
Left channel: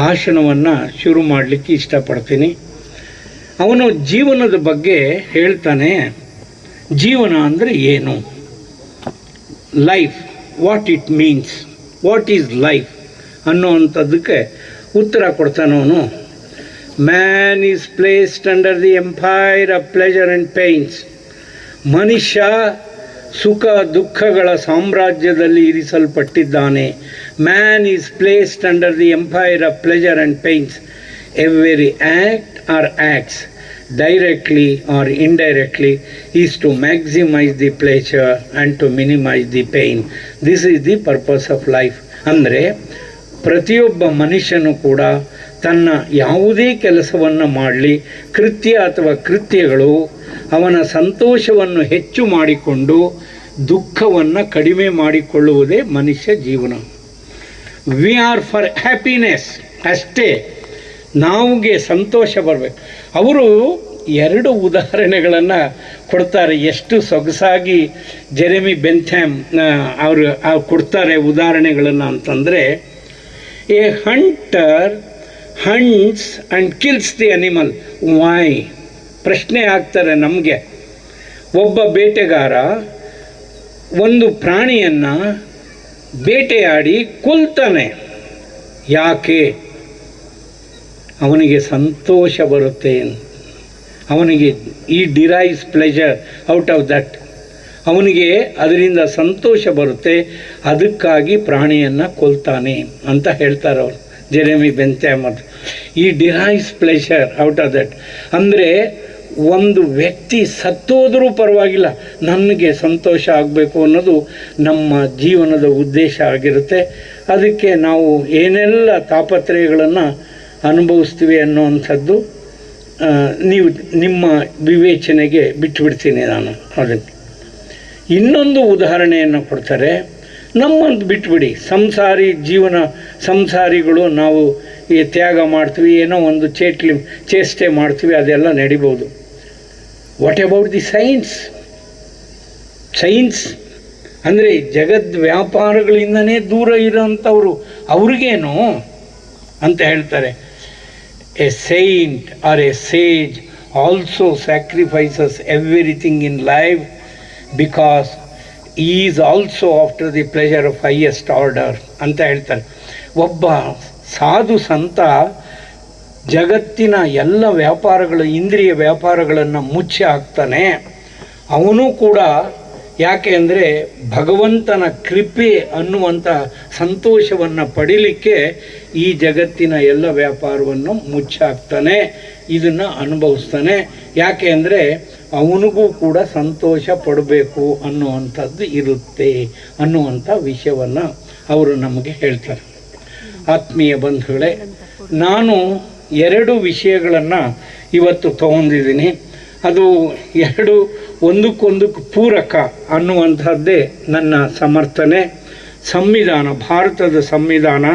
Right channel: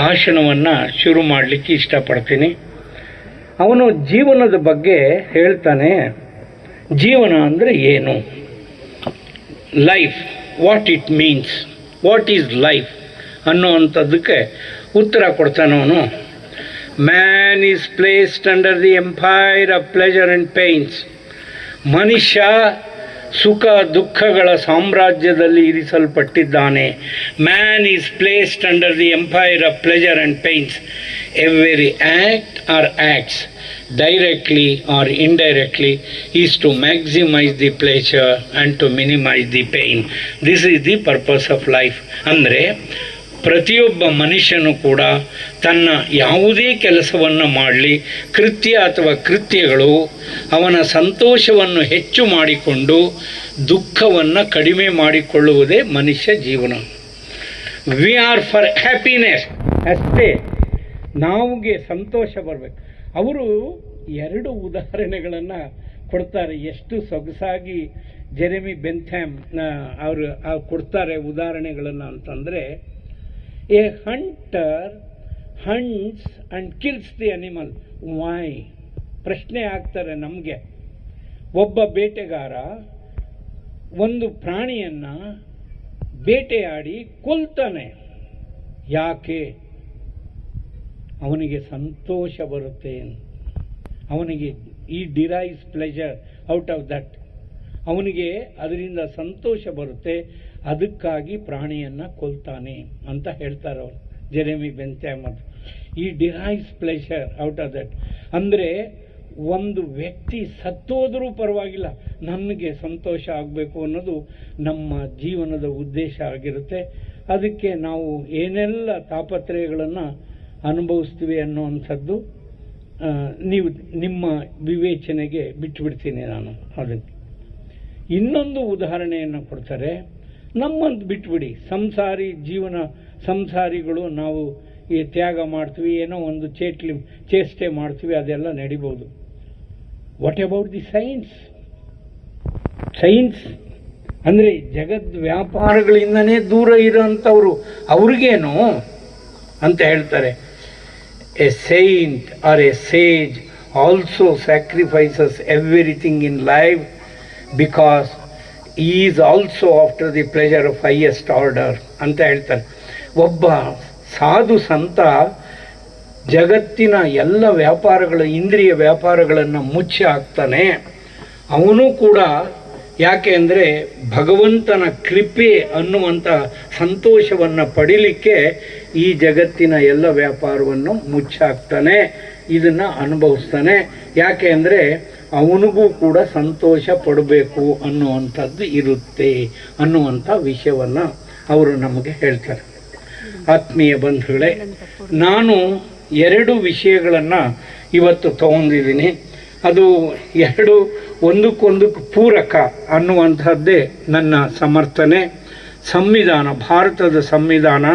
ಭಾಷಣವನ್ನು ಶುರು ಮಾಡಲಿಕ್ಕೆ ಇಷ್ಟಪಡ್ತೀನಿ. ಅವನು ಜೀವನದ ಬಗ್ಗೆ ಹೇಳ್ತಾನೆ. ಜೀವನ ಅಂದರೆ ಏನು, life, what it means, what is life ಅನ್ನೋವಂಥದ್ದಕ್ಕೆ ಉತ್ತರ ಕೊಡ್ತಾನವನು. Man is placed under the empire of pleasure and pains. ಮನುಷ್ಯ ಸುಖ ದುಃಖಗಳ ಸಾಮ್ರಾಜ್ಯದಲ್ಲಿ ಇರಿಸಲ್ಪಟ್ಟಿದ್ದಾನೆ. Man is placed under the empire of pleasure and pains. Every act or acts directly or indirectly is to maximize the pleasure and to minimize the pain. This is the purpose of life. ಅಂದರೆ ಪ್ರತಿಯೊಬ್ಬ ಮನುಷ್ಯನು ಕೂಡ ತನ್ನ ಯಾವುದೇ ಕೆಲಸವನ್ನು ಮಾಡಲಿ, ಕೃತ್ಯ ಅಥವಾ ಕೃತ್ಯಗಳು ಅವನ ಸಂತೋಷವನ್ನು ಹೆಚ್ಚು ಮಾಡಿಕೊಂಡು ದುಃಖವನ್ನು ಕಡಿಮೆ ಮಾಡಿಕೊಳ್ಳುವುದೇ ಮನುಷ್ಯ ಜೀವನ. ವಿ ಆರ್ ಫಾರ್ ಹ್ಯಾಪಿನೆಸ್, ಅಷ್ಟೇ. ನಮಗೆ ಸಂತೋಷ ಬರಬೇಕು. ಅವರು 2 ಉದಾಹರಣೆಗಳನ್ನು ಕೊಡ್ತಾರೆ. ಎಷ್ಟು ಸೊಗಸಾಗಿ ಜೆರೆಮಿ ಬೆಂಥಾಮ್ ಅವರು ಕೊಡ್ತಾರೆ ಉದಾಹರಣೆಗಳನ್ನು ಅಂತಂದರೆ, a hunter hunts and kills the animal. Why? ಪ್ರಶ್ನೆ ಆಗ್ತಾರೆ ನಮಗೆ. ಒಬ್ಬ ಬೇಟೆಗಾರ ಒಂದು ಪ್ರಾಣಿಯನ್ನು ಬೇಟೆಯಾಡಿ ಕೊಲ್ತಾನೆ. ಯಾಕೆ? ಅವನಿಗೆ ಸಂತೋಷ ಬರುತ್ತೆ. ಅವನಿಗೆ ಈ derives pleasure out of that. ಅವನಿಗೆ ಅದರಿಂದ ಸಂತೋಷ ಬರುತ್ತೆ, ಅದಕ್ಕಾಗಿ ಪ್ರಾಣಿಯನ್ನು ಕೊಲ್ತಾನೆ ಅಂತ ಹೇಳ್ತಾರೆ ಅವರು, ಜೆರೆಮಿ ಬೆಂಥಾಮ್. ಈ derives pleasure out of that ಅಂದರೆ ಒಂದು ವ್ಯಕ್ತಿ ಸತ್ತೋದರೂ ಪರವಾಗಿಲ್ಲ, ನನಗೆ ಸಂತೋಷ ಆಗಬೇಕು ಅನ್ನೋದು ನಮ್ಮ ಜೀವನದ ಉದ್ದೇಶ ಆಗಿರುತ್ತೆ. ಅದಕ್ಕೆ ನಾವು ಏನೆಲ್ಲ ತಾಪತ್ರಯಗಳನ್ನು ಅನುಭವಿಸ್ತೀವಿ ಅನ್ನೋವಂಥದ್ದು ನೀವು ನಿಮ್ಮ ವಿವೇಚನೆಗೆ ಬಿಟ್ಟುಬಿಡ್ತೀನಿ ನಾನು. ಅದಕ್ಕೆ ಇನ್ನೊಂದು ಉದಾಹರಣೆಯನ್ನು ಕೊಡ್ತಾರೆ. ನಮ್ಮಂದು ಬಿಟ್ಬಿಡಿ, ಸಂಸಾರಿಗಳು ನಾವು ಈ ತ್ಯಾಗ ಮಾಡ್ತೀವಿ, ಏನೋ ಒಂದು ಚೇಷ್ಟೆ ಮಾಡ್ತೀವಿ, ಅದೆಲ್ಲ ನಡಿಬೋದು. ವಾಟ್ ಅಬೌಟ್ ದಿ ಸೈನ್ಸ್ ಅಂದರೆ ಜಗದ್ ವ್ಯಾಪಾರಗಳಿಂದನೇ ದೂರ ಇರೋಂಥವ್ರು, ಅವ್ರಿಗೇನು ಅಂತ ಹೇಳ್ತಾರೆ. A saint or a sage also sacrifices everything in life because he is also after the pleasure of highest order ಅಂತ ಹೇಳ್ತಾರೆ. ಒಬ್ಬ ಸಾಧು ಸಂತ ಜಗತ್ತಿನ ಎಲ್ಲ ವ್ಯಾಪಾರಗಳು, ಇಂದ್ರಿಯ ವ್ಯಾಪಾರಗಳನ್ನು ಮುಚ್ಚಿ ಹಾಕ್ತಾನೆ. ಅವನು ಕೂಡ ಯಾಕೆ ಅಂದರೆ ಭಗವಂತನ ಕೃಪೆ ಅನ್ನುವಂಥ ಸಂತೋಷವನ್ನು ಪಡೀಲಿಕ್ಕೆ ಈ ಜಗತ್ತಿನ ಎಲ್ಲ ವ್ಯಾಪಾರವನ್ನು ಮುಚ್ಚಾಕ್ತಾನೆ, ಇದನ್ನು ಅನುಭವಿಸ್ತಾನೆ. ಯಾಕೆ ಅಂದರೆ ಅವನಿಗೂ ಕೂಡ ಸಂತೋಷ ಪಡಬೇಕು ಅನ್ನುವಂಥದ್ದು ಇರುತ್ತೆ ಅನ್ನುವಂಥ ವಿಷಯವನ್ನು ಅವರು ನಮಗೆ ಹೇಳ್ತಾರೆ. ಆತ್ಮೀಯ ಬಂಧುಗಳೇ, ನಾನು 2 ವಿಷಯಗಳನ್ನು ಇವತ್ತು ತಗೊಂಡಿದ್ದೀನಿ. ಅದು 2 ಒಂದಕ್ಕೊಂದಕ್ಕೆ ಪೂರಕ ಅನ್ನುವಂಥದ್ದೇ ನನ್ನ ಸಮರ್ಥನೆ. ಸಂವಿಧಾನ, ಭಾರತದ ಸಂವಿಧಾನ,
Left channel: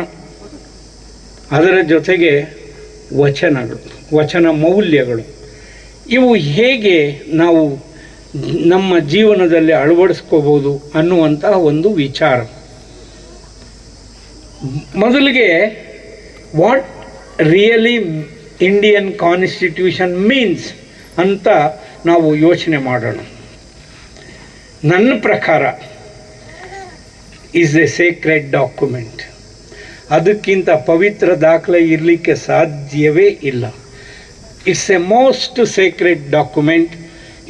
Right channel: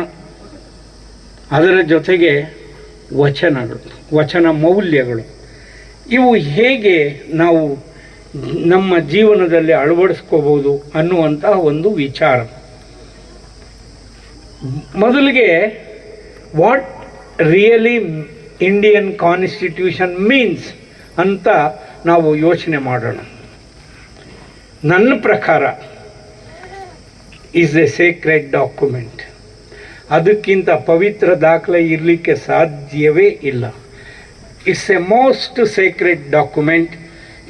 ಅದರ ಜೊತೆಗೆ ವಚನಗಳು, ವಚನ ಮೌಲ್ಯಗಳು, ಇವು ಹೇಗೆ ನಾವು ನಮ್ಮ ಜೀವನದಲ್ಲಿ ಅಳವಡಿಸ್ಕೋಬೋದು ಅನ್ನುವಂಥ ಒಂದು ವಿಚಾರ. ಮೊದಲಿಗೆ what really Indian constitution means ಅಂತ ನಾವು ಯೋಚನೆ ಮಾಡೋಣ. ನನ್ನ ಪ್ರಕಾರ ಈಸ್ ಎ ಸೇಕ್ರೆಡ್ ಡಾಕ್ಯುಮೆಂಟ್. ಅದಕ್ಕಿಂತ ಪವಿತ್ರ ದಾಖಲೆ ಇರಲಿಕ್ಕೆ ಸಾಧ್ಯವೇ ಇಲ್ಲ. It's A most Sacred document.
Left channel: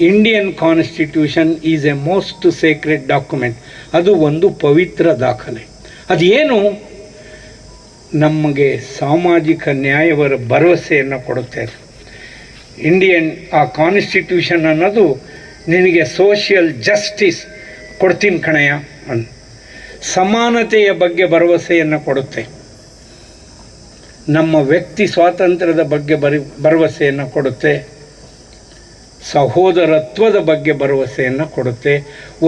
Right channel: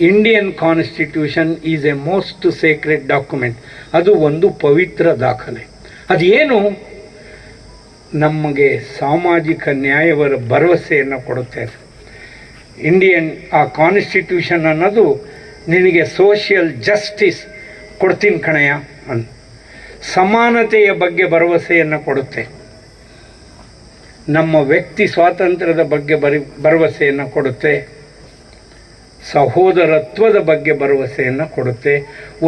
Indian constitution is A most Sacred document. ಅದು ಒಂದು ಪವಿತ್ರ ದಾಖಲೆ. ಅದೇನು? ನಮಗೆ ಸಾಮಾಜಿಕ ನ್ಯಾಯವರ ಭರವಸೆಯನ್ನು ಕೊಡುತ್ತೆ. ಇಂಡಿಯನ್ ಆ ಕಾನ್ಸ್ಟಿಟ್ಯೂಷನ್ ಅನ್ನೋದು ನಿನಗೆ ಸೋಷಿಯಲ್ ಜಸ್ಟಿಸ್ ಕೊಡ್ತೀನಿ ಕಣಯ್ಯ ಅಂತ, ಸಮಾನತೆಯ ಬಗ್ಗೆ ಭರವಸೆಯನ್ನು ಕೊಡುತ್ತೆ. ನಮ್ಮ ವ್ಯಕ್ತಿ ಸ್ವಾತಂತ್ರ್ಯದ ಬಗ್ಗೆ ಭರವಸೆಯನ್ನು ಕೊಡುತ್ತೆ. ಸಹೋದರತ್ವದ ಬಗ್ಗೆ ಭರವಸೆಯನ್ನು ಕೊಡುತ್ತೆ.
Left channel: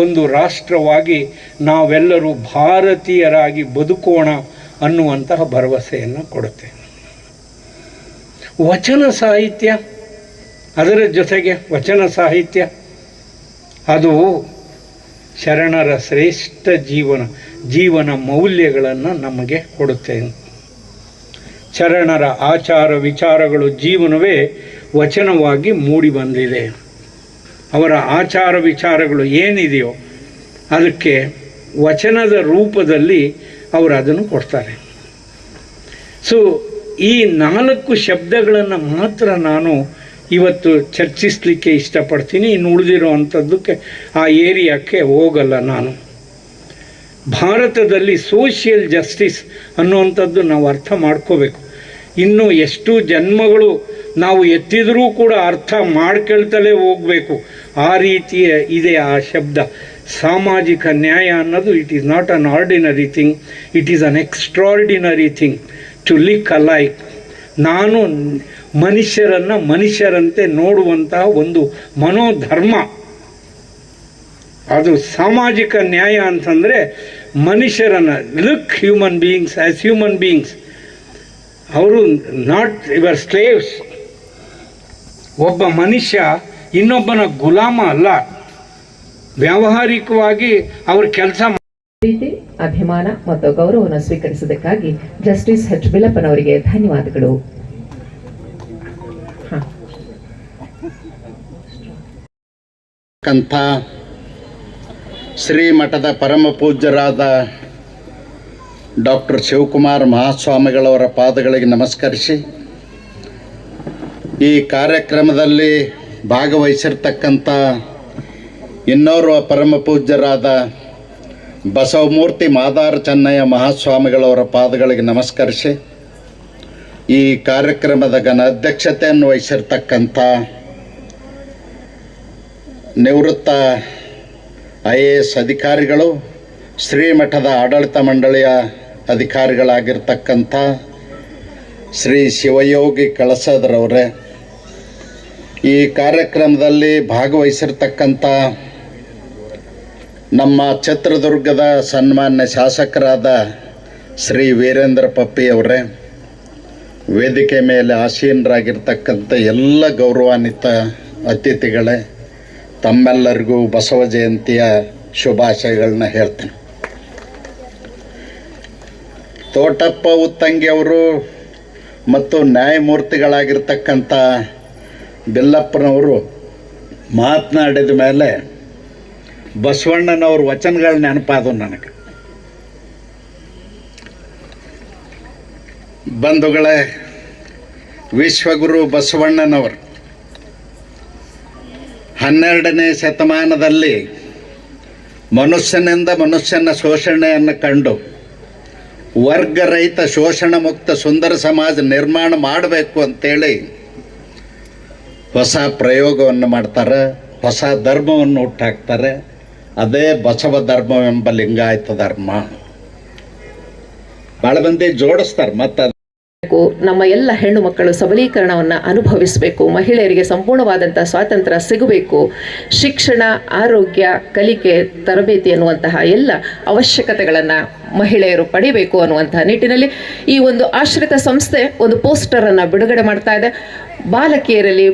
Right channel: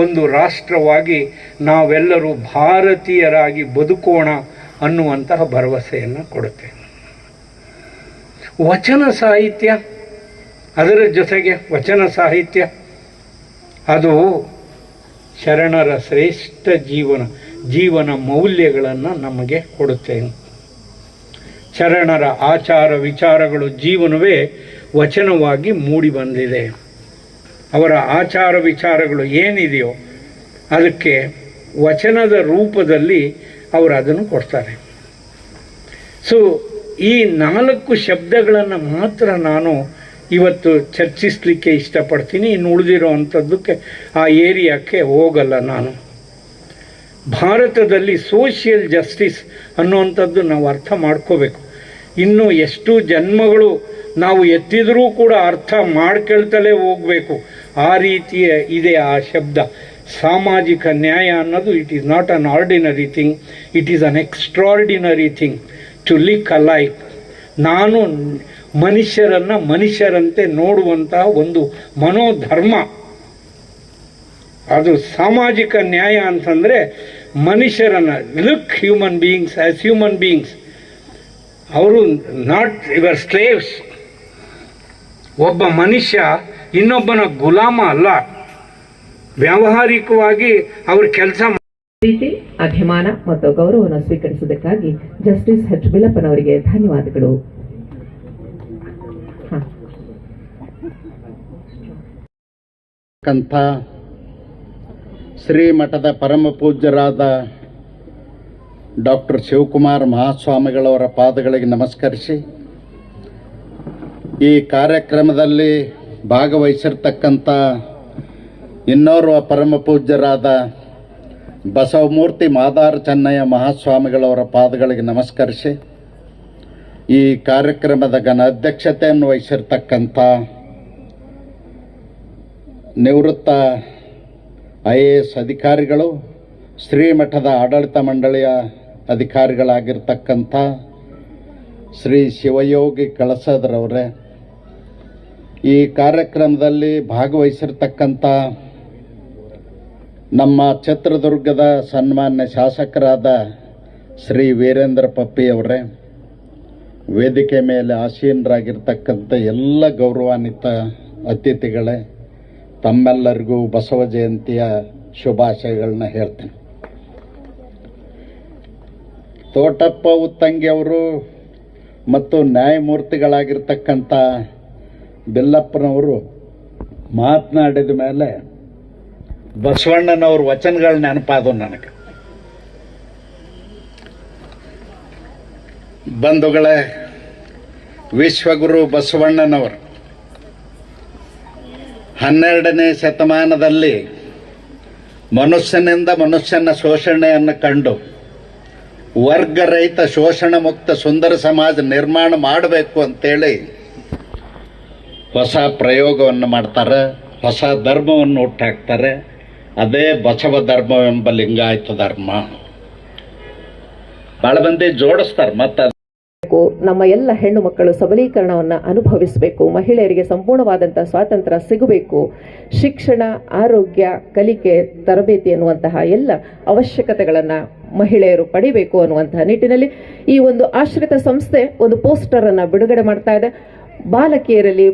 ಒಂದು ರಾಷ್ಟ್ರವಾಗಿ ನಾವೆಲ್ಲರೂ ಭಾರತೀಯರಾಗಿ ಬದುಕೋಣ ಅನ್ನುವಂತಹ ಭರವಸೆಯನ್ನು ಕೊಡುತ್ತೆ. ವಚನ ಸಾಹಿತ್ಯ, ಅದರ ಜೊತೆಗೆ ವಚನ ಸಾಹಿತ್ಯ ಅದು ಶರಣರ ಶ್ರೇಷ್ಠ ಜೀವನ ಮೌಲ್ಯಗಳನ್ನು ನಮಗೆ ಕೊಡುತ್ತೆ. ಶರಣರ ಆಚಾರ ವಿಚಾರಗಳು ಜೀವನವೇ ವಚನವಾಗಿ ಮೂಡಿ ಬಂದಿದೆ. ಅವರ ಆಚಾರ ವಿಚಾರಗಳು ಏನಿದೆಯೋ ಅದಕ್ಕೆ ವಚನದ ರೂಪದಲ್ಲಿ ಅವರು ಅದನ್ನು ಕೊಡ್ತಾರೆ. ಸೊ ಈ 4 ಶಬ್ದಗಳನ್ನು ಮಾತ್ರ ನಾನು ಇವತ್ತು ಚರ್ಚಿಸಲಿಕ್ಕೆ ಇಷ್ಟಪಡ್ತೀನಿ. ಇನ್ನು ಉಳಿದಿರೋ ಅಂಥದ್ದಕ್ಕೆ ಆ ಏರಿಯಾಕ್ಕೆ ಹೋಗಲ್ಲ ನಾನು. ಭಾರತದಲ್ಲಿ ಸೋಷಿಯಲ್ ಜಸ್ಟಿಸ್ ಅನ್ನುವಂಥದ್ದು ನಾವು ಅರ್ಥ ಮಾಡ್ಕೋಬೇಕು. ಇನ್ನು ಎಷ್ಟು ಜನ್ಮಗಳು ನಾವು ಎತ್ತಿದರೂ ಕೂಡ ಅರ್ಥ ಮಾಡ್ಕೊಳ್ತಲೇ ಹೋಗಬೇಕು. ಆ ರೀತಿಯ ಇದೆ ಆ ಶಬ್ದ. ಸಾಮಾಜಿಕ ನ್ಯಾಯ ಅನ್ನೋದು it is not an ordinary thing, it is an extraordinary thing to look alike. ನಾನು ಮನುಷ್ಯರನ್ನು ಮನುಷ್ಯರಂತೆ ನೋಡುವಂತಹ ಒಂದು ಮನೋಧರ್ಮ, ಅದು ಸಾಮಾಜಿಕ ನ್ಯಾಯ ಅಂತಂದರೆ ಮನುಷ್ಯರನ್ನು look human beings as human beings. ಅವರು ನಾಟ್ ಯುವರ್ ಸ್ಲೇವ್ಸ್. ಒಬ್ಬ ಮನುಷ್ಯ ಇನ್ನೊಬ್ಬನ ಗುಲಾಮ ಅಲ್ಲ. ವ್ಯಾವಹಾರಿಕವಾಗಿ ಅವ್ರ ಕೆಲಸ ಪ್ರೀತಿ, ಅಭಿಮಾನ ಮತ್ತು ಗೌರವವನ್ನು ಸ್ವೀಕರಿಸಿದ್ದಕ್ಕಾಗಿ ಜಸ್ಟಿಸ್ ಎಚ್ ಬಿಲ್ಲಪ್ಪನವರಿಗೆ ಧನ್ಯವಾದಗಳು. ಶ್ರೀಮಠದ ಪರಮ ಪೂಜ್ಯರಾದ ಡಾಕ್ಟರ್ ಶಿವಕುಮಾರ ಮಹಾಸ್ವಾಮಿಗಳವರ ಪಾದಗಳಿಗೆ ನಮಸ್ಕರಿಸಿ, ಈ ಕಾರ್ಯಕ್ರಮದಲ್ಲಿ ಭಾಗವಹಿಸಿರ್ತಕ್ಕಂಥ ಇನ್ನೋರ್ವ ಪರಮ ಪೂಜ್ಯರಾದ ಬಸವಮೂರ್ತಿ ಮಾದಾರ ಚೆನ್ನಯ್ಯ ಮಹಾಸ್ವಾಮಿಗಳವರ ಪಾದಗಳಿಗೆ ನಮಸ್ಕರಿಸಿ, ಈ ಕಾರ್ಯಕ್ರಮದ ಘನ ಅಧ್ಯಕ್ಷತೆಯನ್ನು ವಹಿಸಿರ್ತಕ್ಕಂಥ ನಿವೃತ್ತ IAS ಅಧಿಕಾರಿಗಳು, ಶ್ರೀಮಠದ ಆಡಳಿತ ಮಂಡಳಿಯ ಅಧಿಕಾರಿಗಳಾಗಿರ್ತಕ್ಕಂಥ ಶ್ರೀ ಶಿವಯೋಗಿ ಕಳಸದರವರೇ, ಈ ಕಾರ್ಯಕ್ರಮದಲ್ಲಿ ಭಾಗವಹಿಸಿರ್ತಕ್ಕಂಥ ನಮ್ಮ ಚಿತ್ರದುರ್ಗದ ಸನ್ಮಾನ್ಯ ಶಾಸಕರಾದ ಶ್ರೀ ವೀರೇಂದ್ರ ಪಪ್ಪಿಯವರೇ, ವೇದಿಕೆ ಮೇಲೆ ಆಸೀನರಾಗಿರ್ತಕ್ಕಂಥ ಎಲ್ಲ ಗೌರವಾನ್ವಿತ ಅತಿಥಿಗಳೇ, ತಮ್ಮೆಲ್ಲರಿಗೂ ಬಸವ ಜಯಂತಿಯ ಶುಭಾಶಯಗಳನ್ನ ಹೇಳ್ತೇನೆ. ತೋಟಪ್ಪ ಉತ್ತಂಗಿಯವರು ಮತ್ತು ನ್ಯಾಯಮೂರ್ತಿಗಳಾಗಿರ್ತಕ್ಕಂಥ ಬಿಲ್ಲಪ್ಪನವರು ಮಾತನಾಡಿದ ಮೇಲೆ ಬಸವಣ್ಣನವ್ರ ವಚನಗಳ ನೆನಪಾದವು ನನಗೆ. ಬಂಧುಗಳೇ, ವಿಶ್ವಗುರು ಬಸವಣ್ಣನವರು 12ನೇ ಶತಮಾನದಲ್ಲಿ ಮನುಷ್ಯನಿಂದ ಮನುಷ್ಯನ ಶೋಷಣೆಯನ್ನು ಕಂಡು ವರ್ಗರಹಿತ ಶೋಷಣ ಮುಕ್ತ ಸುಂದರ ಸಮಾಜ ನಿರ್ಮಾಣ ಮಾಡಬೇಕು ಅಂತೇಳಿ ಹೊಸ ಪ್ರಯೋಗವನ್ನು ಮಾಡ್ತಾರೆ. ಹೊಸ ಧರ್ಮವನ್ನು ಹುಟ್ಟಾಕ್ತಾರೆ. ಅದೇ ಬಸವ ಧರ್ಮವೆಂಬ ಲಿಂಗಾಯತ ಧರ್ಮ. ಭಾಳ ಮಂದಿ ಜೋಡಿಸ್ತಾರೆ. ಮತ್ತು ನಮ್ಮ ಎಲ್ಲ ಹೆಣ್ಣು ಮಕ್ಕಳು ಸಬಲೀಕರಣವನ್ನು ಅನುಭವಿಸಬೇಕು. ಮಹಿಳೆಯರಿಗೆ ಸಂಪೂರ್ಣವಾದಂತಹ ಸ್ವಾತಂತ್ರ್ಯ ಸಿಗಬೇಕು. ಶಿಕ್ಷಣ, ಆರೋಗ್ಯ, ಕಲಿಕೆ, ತರಬೇತಿ ಅನ್ನುವಂತಹ ಎಲ್ಲ ಅವಶ್ಯಕತೆಗಳನ್ನು ಮಹಿಳೆಯರು ಪಡಿಬೇಕು ಅನ್ನುವಂತಹ ನಿಟ್ಟಿನಲ್ಲಿ ಈ ಒಂದು ಆಶ್ರಿತ ಸಂಸ್ಥೆ ಒಂದು ಪೋಸ್ಟರ್ ಅನ್ನು ಬಿಡುಗಡೆ ಮಾಡ್ತಾ ಇದೆ. ಬಾಲಕಿಯರಲ್ಲಿ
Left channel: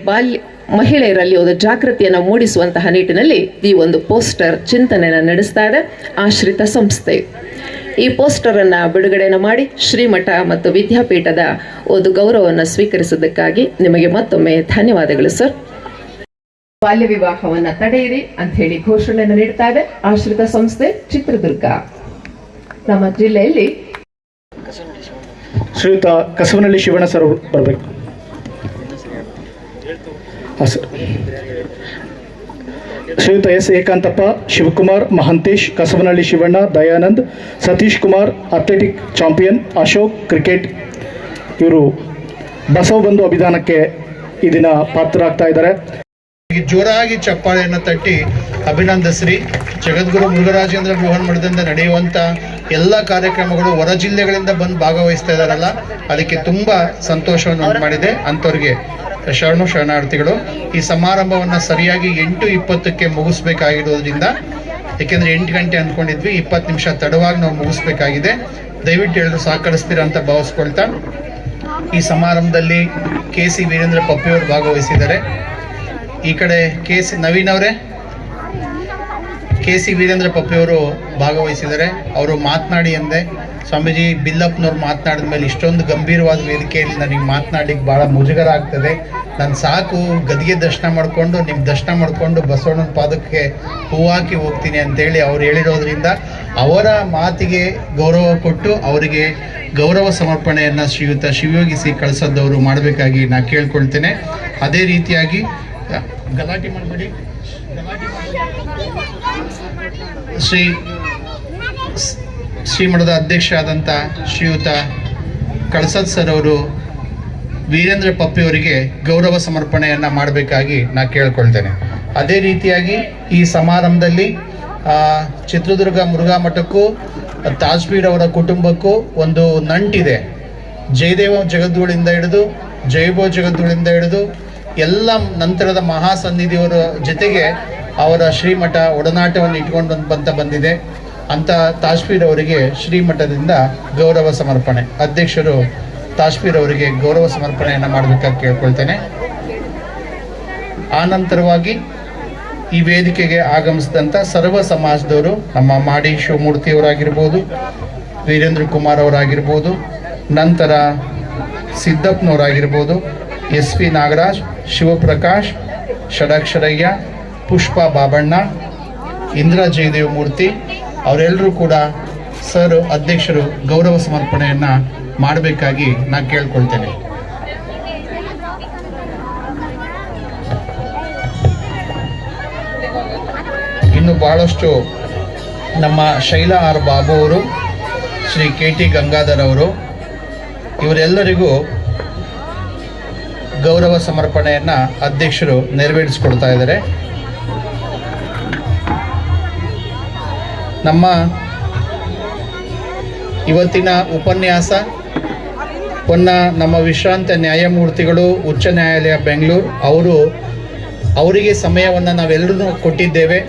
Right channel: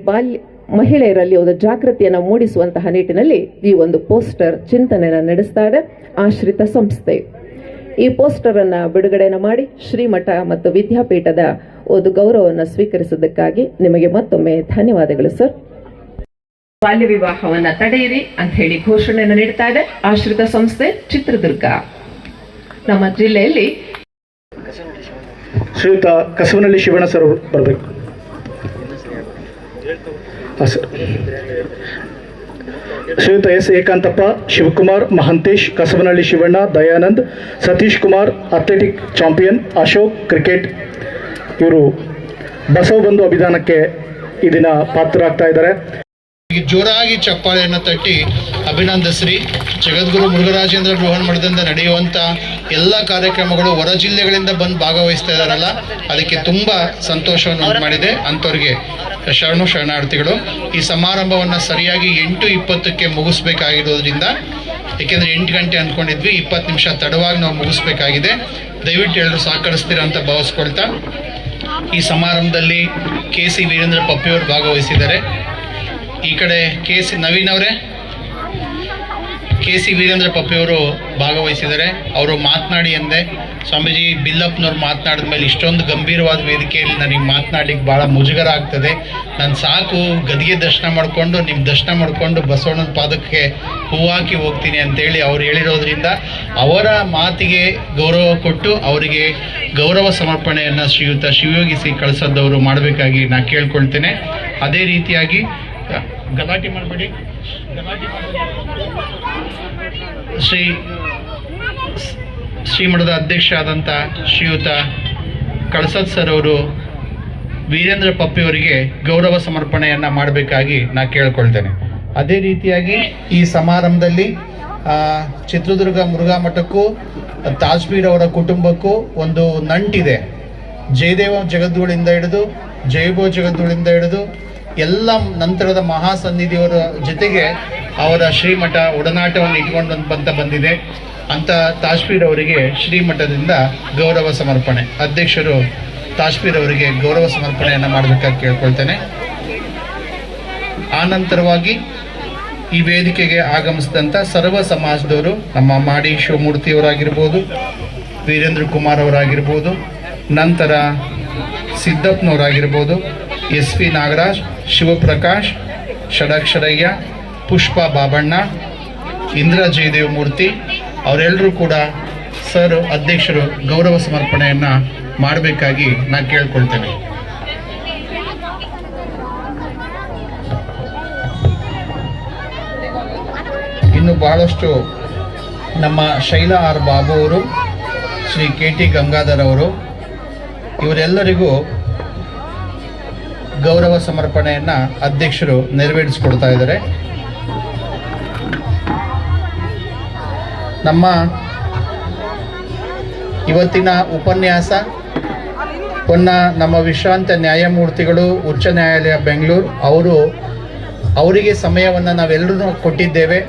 ಮಹಿಳೆಯರಲ್ಲಿ ಒಂದು ಜಾಗೃತಿಯನ್ನು ಮೂಡಿಸುವಂತಹ ನಿಟ್ಟಿನಲ್ಲಿ ಈ ಒಂದು ಪೋಸ್ಟರ್ ಚಿಂತನೆಯನ್ನು ನಡೆಸ್ತಾ ಇದೆ ಆಶ್ರಿತ ಸಂಸ್ಥೆ. ಈ ಪೋಸ್ಟರ್ ಅನ್ನು ಬಿಡುಗಡೆಯನ್ನು ಮಾಡಿ ಶ್ರೀಮಠ ಮತ್ತು ವಿದ್ಯಾಪೀಠದ ಒಂದು ಗೌರವವನ್ನು ಸ್ವೀಕರಿಸಿದ್ದಕ್ಕಾಗಿ ನಿಮಗೆ ಮತ್ತೊಮ್ಮೆ ಧನ್ಯವಾದಗಳು ಸರ್. ಬಾಲ್ಯ ವಿವಾಹವನ್ನು ತಡೆಯಿರಿ ಅಂತ ಹೇಳಿ ಘೋಷಣೆಯನ್ನು ನೀಡ್ತಾ ಇದೆ ಆಶ್ರಿತ ಸಂಸ್ಥೆ ಚಿತ್ರದುರ್ಗ. ನಮ್ಮ ಜಿಲ್ಲೆಯಲ್ಲಿ ಶ್ರೀಯುತ ಕಸವನಹಳ್ಳಿ ಶಿವಣ್ಣ ಸರ್ ಬರಬೇಕು. ಹಾಂ ಸರ್. ಶ್ರೀಯುತ S Ekanthappa, Shivakumar, Mahantesh, Kasavanahalli Shivanna, Dayanand, Satish Kumar, athletic champion, Ashok, cricket, ಇವರು ಬಸವ ಬಂಧು ಅಭಿದಾನಕ್ಕೆ ಈ ದಿನ ಪಾತ್ರರಾಗ್ತಾ ಇದ್ದಾರೆ. ಜೋರಾಗಿ ಚಪ್ಪಾಳೆಯನ್ನು ತಟ್ಟಿ ಅಭಿನಂದಿಸ್ರಿ. ಜಗದ್ಗುರು ಮುರುಘರಾಜೇಂದ್ರ ಬೃಹನ್ ಮಠದಿಂದ ನಡೆಯುವಂಥ ಎಲ್ಲ ಕಾರ್ಯಕ್ರಮಗಳು ಹೊರ ಜಿಲ್ಲೆಗಳಿಂದ ಬಂದು ಭಾಗವಹಿಸ್ತಾ ಇದ್ದಾರಲ್ಲ, ಅದಕ್ಕೆ ತುಂಬ ಸಂತೋಷವನ್ನು ಉಂಟು ಮಾಡಿದೆ. ಅಂಥವ್ರಿಗೆ ಶರಣಾರ್ಥಿಗಳು. ಈ ಸಮಾರಂಭವನ್ನು ಸರಿಯಾಗಿ 8:20ಕ್ಕೆ ಮುಗಿಸ್ಬೇಕಾಗಿರೋದ್ರಿಂದ, ಏಕೆಂದರೆ 8 ಗಂಟೆ ಅಂದ್ಕೊಂಡಿದ್ವಿ, 20 ನಿಮಿಷ ತಡವಾಗಿ ನಾವು ಮುಗಿಸ್ಬೇಕಾಗಿದೆ. ದಯವಿಟ್ಟು ಎಲ್ಲರೂ ಸಹಕರಿಸ್ತೀರ ಅಂತ ಭಾವಿಸ್ಕೊಳ್ತಾ, ಈ ಸಮಾರಂಭದಲ್ಲಿ KC ವೀರೇಂದ್ರ ಪಪ್ಪಿಯವರು ಭಾಗವಹಿಸಿದ್ದಾರೆ. ಈ ಕಡೆ ನವೀನ್ ಅವರೇ, KC ವೀರೇಂದ್ರ ಪಪ್ಪಿಯವರು ಭಾಗವಹಿಸಿದ್ದಾರೆ. ಅವರು ಮಾತನಾಡಿ ಅಂದೆ, ಸ್ವಾಮೀಜಿ ಬಿಲ್ಲಪ್ಪನವ್ರು ಮಾತನಾಡಿದ ಮೇಲೆ ಇಷ್ಟೊಂದು ಗಂಭೀರವಾದ ವೇದಿಕೆಯಲ್ಲಿ ನನಗೆ ಮಾತನಾಡಲಿಕ್ಕೆ ಭಾಳ ಮುಜುಗರ ಆಗ್ತದೆ. ನಾನು ಸಾಕು ಗದಿಗೆ ದರ್ಶನ ಮಾಡಿಕೊಂಡು ನಿಮ್ಮ ದರ್ಶನ ಮಾಡಿಕೊಂಡು ಬಸವಣ್ಣನ ಪಾದಕ್ಕೆ ಹೂವಾಕಿ ಹೋಗ್ತೀನಿ ಅಂತೇಳಿ ಅವ್ರು ಹೇಳಿರೋದ್ರಿಂದ ಅವರ ಮಾತಿಗೆ ಗೌರವ ಕೊಟ್ಟು ಅವರಿಗೆ ಗೌರವ ಸಮರ್ಪಣೆಯನ್ನು ಶ್ರೀಯುತ ಶಿವಯೋಗಿ ಸಿ ಕಳಸದವರು ಮಾಡಬೇಕಾಗಿ ನಾನು ಕೇಳ್ಕೊಳ್ತೇನೆ. ಅದೇ ರೀತಿಯಾಗಿ ಗಲಾಟೆ ಮಾಡಬೇಡಿ. ಶ್ರೀಮಠದ ಅಧ್ಯಕ್ಷ ಆದಂಥ ಶ್ರೀಯುತ ಕಳಸದ್ ಸರ್ ಅವರು ವೀರೇಂದ್ರ ಪಪ್ಪಿಯವರಿಗೆ ಗೌರವ ಸಮರ್ಪಣೆಯನ್ನು ಮಾಡಬೇಕಾಗಿ ನಾನು ಕೇಳ್ಕೊಳ್ತೇನೆ. ಅದೇ ರೀತಿಯಾಗಿ ಈ ಸಮಾರಂಭದಲ್ಲಿ ಚಿತ್ರದುರ್ಗ ಮುರುಘಾ ಮಠಕ್ಕೂ ತಾಜ್ಪೀರ್ ಅವರ ಕುಟುಂಬಕ್ಕೂ ಒಂದು ನಂಟಿದೆ. ಜಯದೇವ ಜಗದ್ಗುಳಿಂದ ಹಿಡಿದು ಜಯಭೋ ಜಗದ್ಗುಳಿಂದ ಹಿಡಿದು ಎಲ್ಲ ನಂತರದ ಮಹಾಸನ್ನಿಧಿಯವರ ಜೊತೆಗೆ ಅವರ ಶ್ರೀಮಠ ಒಡನಾಟವನ್ನು ಇಟ್ಕೊಂಡು ಬಂದಿದೆ. ಅಂತ ತಾಜ್ಪೀರ್ ಅವರಿಗೆ ಶ್ರೀಮಠದಿಂದ ಗೌರವ ಸಮರ್ಪಣೆ, ಅಧ್ಯಕ್ಷರು ತಾಜ್ಪೀರ್ ಅವರಿಗೆ ಗೌರವ ಸಮರ್ಪಣೆಯನ್ನು ಮಾಡಬೇಕಾಗಿ ಕೇಳ್ಕೊಳ್ತೇನೆ. ಆನಂತರವಾಗಿ ಈ ವೇದಿಕೆಗೆ ಆಗಮಿಸಿದಂಥ ಸರ್ವ ಸಮಾಜದವರು, ನಮ್ಮ ಮಾಡಿ ಶಿವಮೂರ್ತಿಯವರಾಗಿರ್ಬೋದು, ವೀರೇಂದ್ರ ಕುಮಾರ್ ಅವರಾಗಿರ್ಬೋದು, ನಂತರ ಸಿದ್ದಪ್ಪನವರಾಗಿರ್ಬೋದು, SP ನಾಗರಾಜ್, ಶಿವಪ್ರಕಾಶ್, ಷಡಕ್ಷರಯ್ಯ, ಪುಷ್ಪ ಬಾಬಣ್ಣ, ಇಂದ್ರ ಜಯದೇವ ಮೂರ್ತಿ ಅವರೆಲ್ಲರೂ ಕೂಡ ಸರ್ ಅಧ್ಯಕ್ಷರು ಗೌರವ ಸಮರ್ಪಣೆಯನ್ನು ಮಾಡಬೇಕಾಗಿ ನಾನು ಕೇಳ್ಕೊಳ್ತೇನೆ. ಇನ್ನು ಬಹಳಷ್ಟು ನಮ್ಮ ಶೈಲಾ ಆರ್ ಬಾಬು ಅವರು, ಶ್ರೀ KT ಗಂಗಾಧರ್ ಅವರು, ಇವರೆಲ್ಲರಿಗೂ ಗೌರವ ಸಮರ್ಪಣೆಯನ್ನು ಅಧ್ಯಕ್ಷರು ನೆರವೇರಿಸಿಕೊಡ್ತಾ ಇದ್ದಾರೆ. ನಮ್ಮ ಇವತ್ತಿನ ಉಪನ್ಯಾಸ ನಮ್ಮ ವಿಶ್ರಾಂತ ನ್ಯಾಯಮೂರ್ತಿಗಳು ಉಚ್ಚ ನ್ಯಾಯಾಲಯ ಬೆಂಗಳೂರು ಅವರಿಗೆ ಸಮಯವನ್ನು ನಾವೆಲ್ಲರೂ ಕೊಟ್ಟಿದ್ದೇವೆ.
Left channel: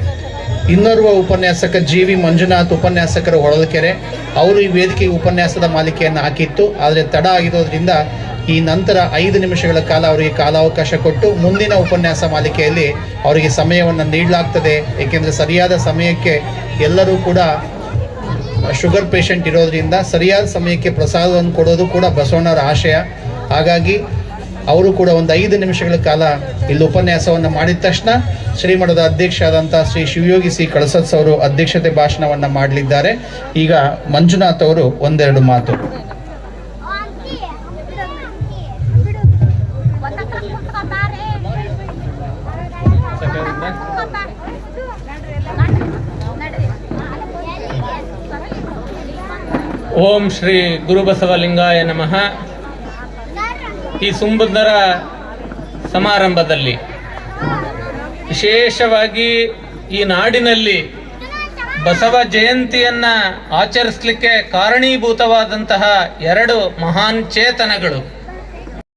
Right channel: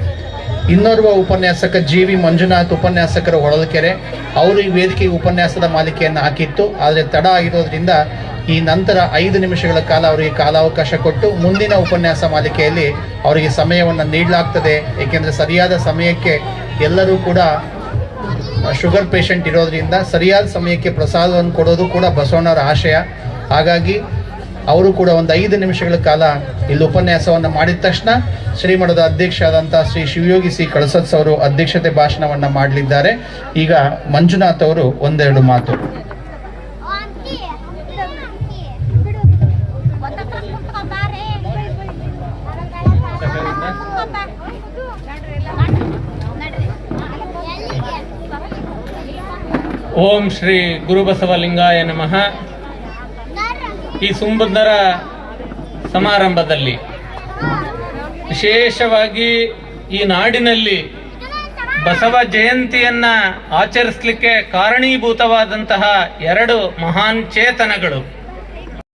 ಇನ್ನೋರ್ವ ಉಪನ್ಯಾಸಕ GV ಮಂಜುನಾಥ್ ಉಪನ್ಯಾಸಕರು ಹೊಳಲ್ಕೆರೆ, ಅವರು ಈ ವೇದಿಕೆಗೆ ಉಪನ್ಯಾಸದ ಮಾಲಿಕೆಯನ್ನು ಹಾಕಿತ್ತು. ಆದರೆ ತಡ ಆಗಿರೋದ್ರಿಂದ ಈ ನಂತರ 5 ನಿಮಿಷಗಳ ಕಾಲ ಅವರಿಗೆ ಕಾಲಾವಕಾಶ ಕೊಟ್ಟು ಮುಂದಿನ ಉಪನ್ಯಾಸ ಮಾಲಿಕೆಯಲ್ಲಿ ಅವರಿಗೆ ಸಮಯವನ್ನು ನೀಡಲಾಗ್ತದೆ. ಏಕೆಂದರೆ ಸರಿಯಾದ ಸಮಯಕ್ಕೆ ಎಲ್ಲರೂ ಕೂಡ ಶುಗರ್ ಪೇಷಂಟ್ ಇರೋದ್ರಿಂದ ಸರಿಯಾದ ಸಮಯಕ್ಕೆ ಪ್ರಸಾದವನ್ನು ಕೊಡೋದು ಕೂಡ ಬಸವಣ್ಣವರ ಆಶಯ. ಹಾಗಾಗಿ ಅವರು ಕೂಡ ಒಂದು 5 ನಿಮಿಷಗಳ ಕಾಲ ಇಲ್ಲಿ ಉಪನ್ಯಾಸವನ್ನು ಮಾಡಿದ ತಕ್ಷಣ ಶ್ರೀಮಠದ ಅಧ್ಯಕ್ಷ ಆದಂಥ ಶ್ರೀ ಶಿವಯೋಗಿ ಸಿ ಕಳಸದ್ ಅವರು ಅಧ್ಯಕ್ಷತೆ ಭಾಷಣವನ್ನು ಮಾಡಲಿದ್ದಾರೆ. ಈಗ ಮಂಜುನಾಥ್ ಅವರು ಒಂದೆರಡು ಮಾತು. ಓಂ ಶ್ರೀ ಗುರುಬಸವಲಿಂಗಾಯ ನಮಃ. ಈ ಸುಂದರ ಸಮಾರಂಭದಲ್ಲಿ ವಿಶೇಷವಾಗಿ ಈ ನಾಡಿನಲ್ಲಿ ಬಸವ ಜಯಂತಿಯನ್ನ ಆಚರಿಸಲಿಕ್ಕೆ ಕಾರಣೀಭೂತವಾದಂತಹ ಎರಡು ಮಹಾನ್ ಚೇತನಗಳು